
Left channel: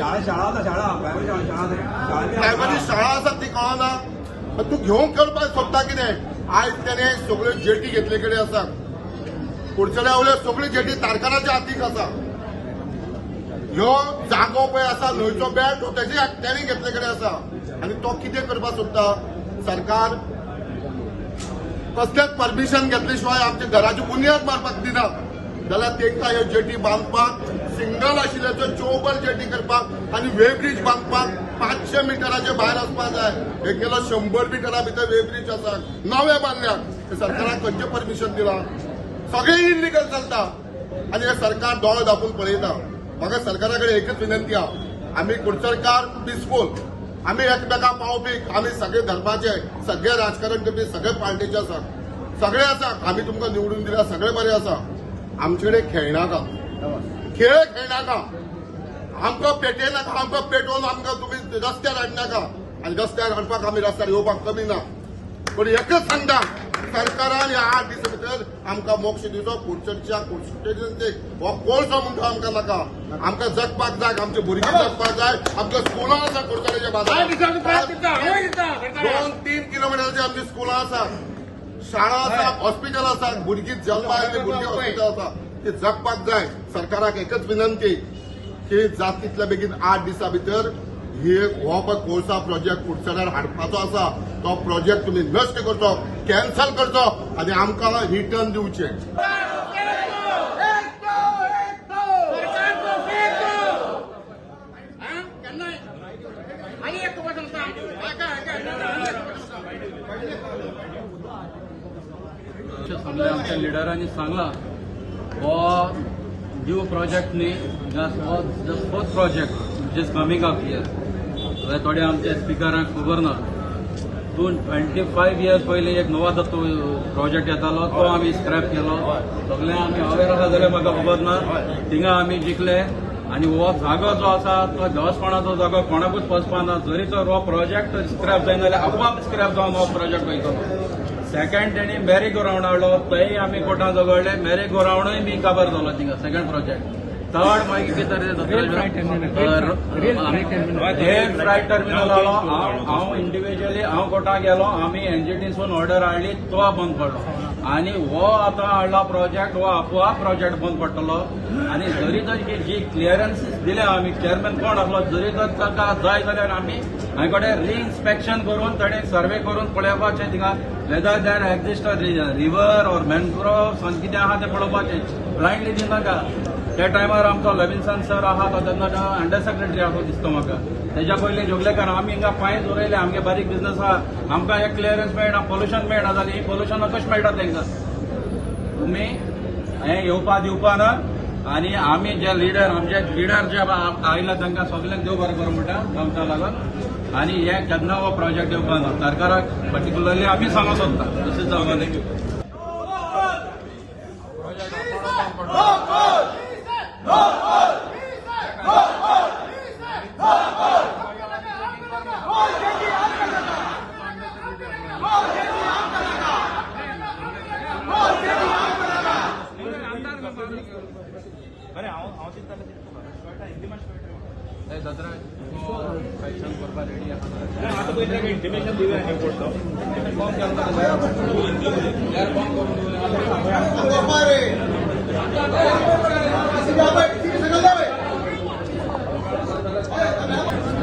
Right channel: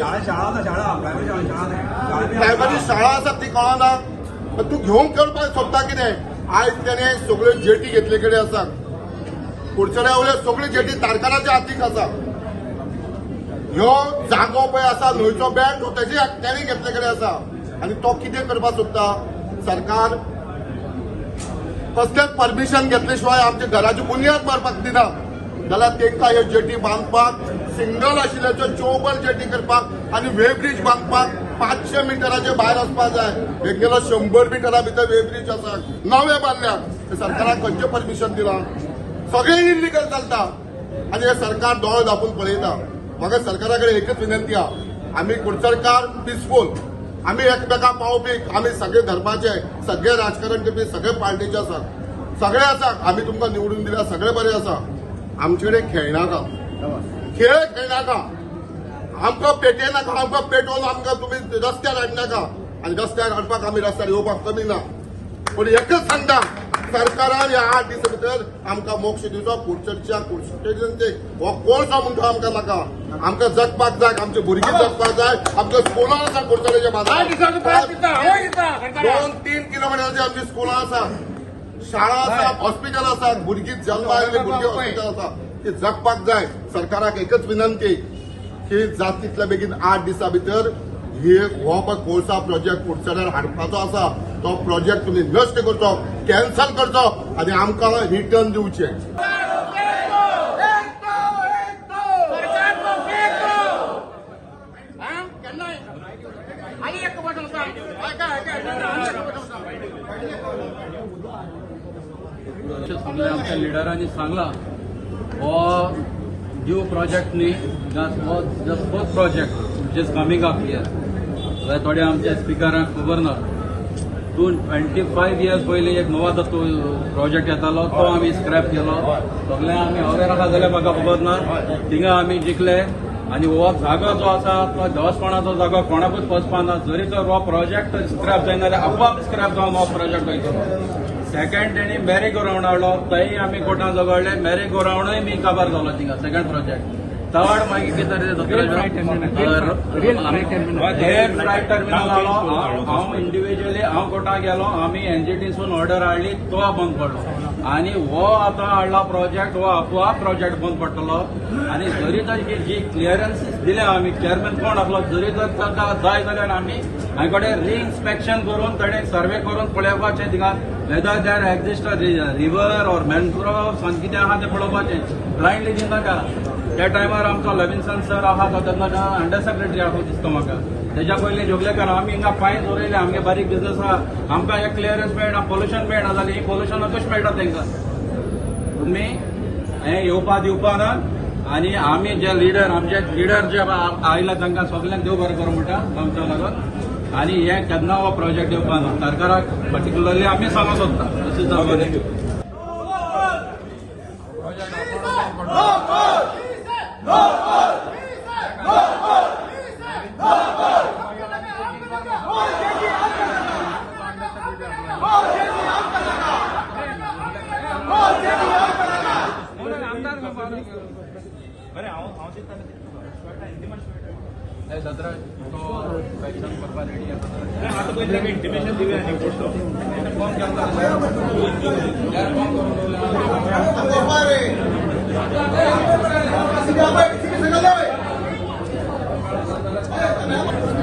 प्रायमरी शाळा आसा ती कळना. तूं घेवंक करपाक सोदता कितें? आयज तेणे सगळ्यो जेटी घेतले कडेन आसा. कुडचड्या वयल्यो सगळ्यो जेटी तारकाराच्या हातीक आसा. ह्यो जागो पळय आसा न्हंयचो बेल्ट तो तेजे तेणे घेतले कडेन आसा. आनी तो कितें करपाक सोदता? सरकार कसलेच परमिशन घेतले शिवाय आमच्या घराची बुनियाद मारपाक दिना. जाल्यार तांकां ह्यो जेटी बांदपाक, सिंगल आशिल्ल्याच्यो चौबल जेटी करपाक आनी वे ब्रिज बांदपाक 500 मिटराचे भायर वचपाक जाय. हे गेलो 100 मिटरा भितर वे ब्रिज आसा, नवे बांदल्यात. हे सरकाराक खंयचें परमिशन दिलां? सगळे इलिगल चलता आनी हे सरकार दोळे धापून पळयता. म्हाका सरकारा कडेन एकच विनंती आहा, आमी कुडचडकार पिसफूल, आमी एकमेकांक पावपी, आमी सगळे धर्माचे, सगळे राजकारण करपी, सगळे पार्टीचे आसा, सगळे आसा. आमी तुमकां निवडून दिल्या, सगळे बरे आसा. आमचे कडेन खेळनाका, खेळ खेळनाका, आमकां पेटयनाका, आमकां पेटोवन आमकां तुमी रस्त्यार हाडनाका. आनी रस्त्यार हाडपाक आमी रस्त्यार येवपाक कमी ना. पूण एकच सांगता, सरकारान ह्या 8 दिसां भितर आमकां मोक्ष दिवचो. कुडचडच्या कुडचडेंचेक हो कोळसो म्हणटा आमकां नाका. आमकां जगपाक जाय, आमचे भुरगीं जगपाक जाय. आमकां स्कुलां आसा कुडचडेच्या बाजारात 2-3 किलोमिटराची आमची स्कुलां आसा, शाळा आसा, हॉस्पिटल आसा, भुरगीं जल्मा आयिल्ली भुरगीं हॉस्पिटल आसा. ती जगपाक जाय. सरकाराक एकच विनंती की जात तितल्या बेगीन 8 दिसां भितर हो पळय कोळसा प्रोजेक्ट कुडचड्यार हाडपाचो आसा तो प्रोजेक्ट तुमी नश्ट करचो, कॅन्सल करचो आनी आमकां रिटर्न दिवचें. आमच्या लिडरांनी सांगला हो न्यू प्रोजेक्ट न्ही, just first project which is coming up here. थोडे आमच्या स्पिकरांक खबर ना, 25 इयर्स पयलीं एक नवा दत्तो प्रोजेक्ट येतालो तो आमी स्क्रॅप केलो. सगळे आमी हावरेर आसा जाल्यार म्हाका खबर ना, थिंगा आमी जिखले. आनी हो जागो जो आसा तो देवस्थानाचो जागो कोणाकूच वचपा ना. जरी तर हो प्रोजेक्ट स्क्रॅप जायना जाल्यार आपोआप स्क्रॅप जावन हो प्रोजेक्ट वयतलो. सेकंड तेणी मॅरी गो रावंड हाडलो, थंय आमी कोर्टान झगडले. मॅरी गो रावंडूय बी काबार जालो थिंगा सेकंड प्रोजेक्ट. थर्ड मागीर कितें तरी फ्लायट टर्मिनल हाडलो. हांव इंडिव्हिज्युअली कोर्टाक गेलो, आमी एनजीटीसून ऑर्डर हाडली, तो बंद पडलो. आनी हो आतां हाडला प्रोजेक्ट, हो आपोआप प्रोजेक्ट बंद पडटलो. आनी जरी तर जी क्लियरन्सीस दिल्या आमी, चेअरमॅन कोण आसलो, जरी तर ताका जाय जाल्यार आमी हांगे कडेन रिइन्स्पेक्शन करून ताणें सर्वे करून पळोवपाचें थिंगा whether there exist river or mangroves आनी कितें आहा तें पळोवपाचें. ब्लायंडली दिनाका. त्या टायमार आमचो लविन्सन सर आहा तो तेन्ना अंडर सेक्रेटरी आहा दिसता म्हाका. तेच्या पयलीं जोगलेकार आमी हिंगा फायन दवरयले. आमगे बारीक बिझनस आहा, आमकां एक क्लियरन्स मेळना, पोल्युशन मेळना जाल्यार ही पोल्युशन कशें मेळटा तांकां? तुमी हें येवपा दिवपा ना. आनी आमी जे लिडर आमचे लिडर जे आयला तांकां सगल्यांक देव बरें करूं म्हणटा आमच्या लागून. आनी हे केन्ना हो प्रोजेक्ट येवपा ना. सरकाराक पर्टिक्युलरली आमी सांगूंक सोदता दिस इज आवर Thank you.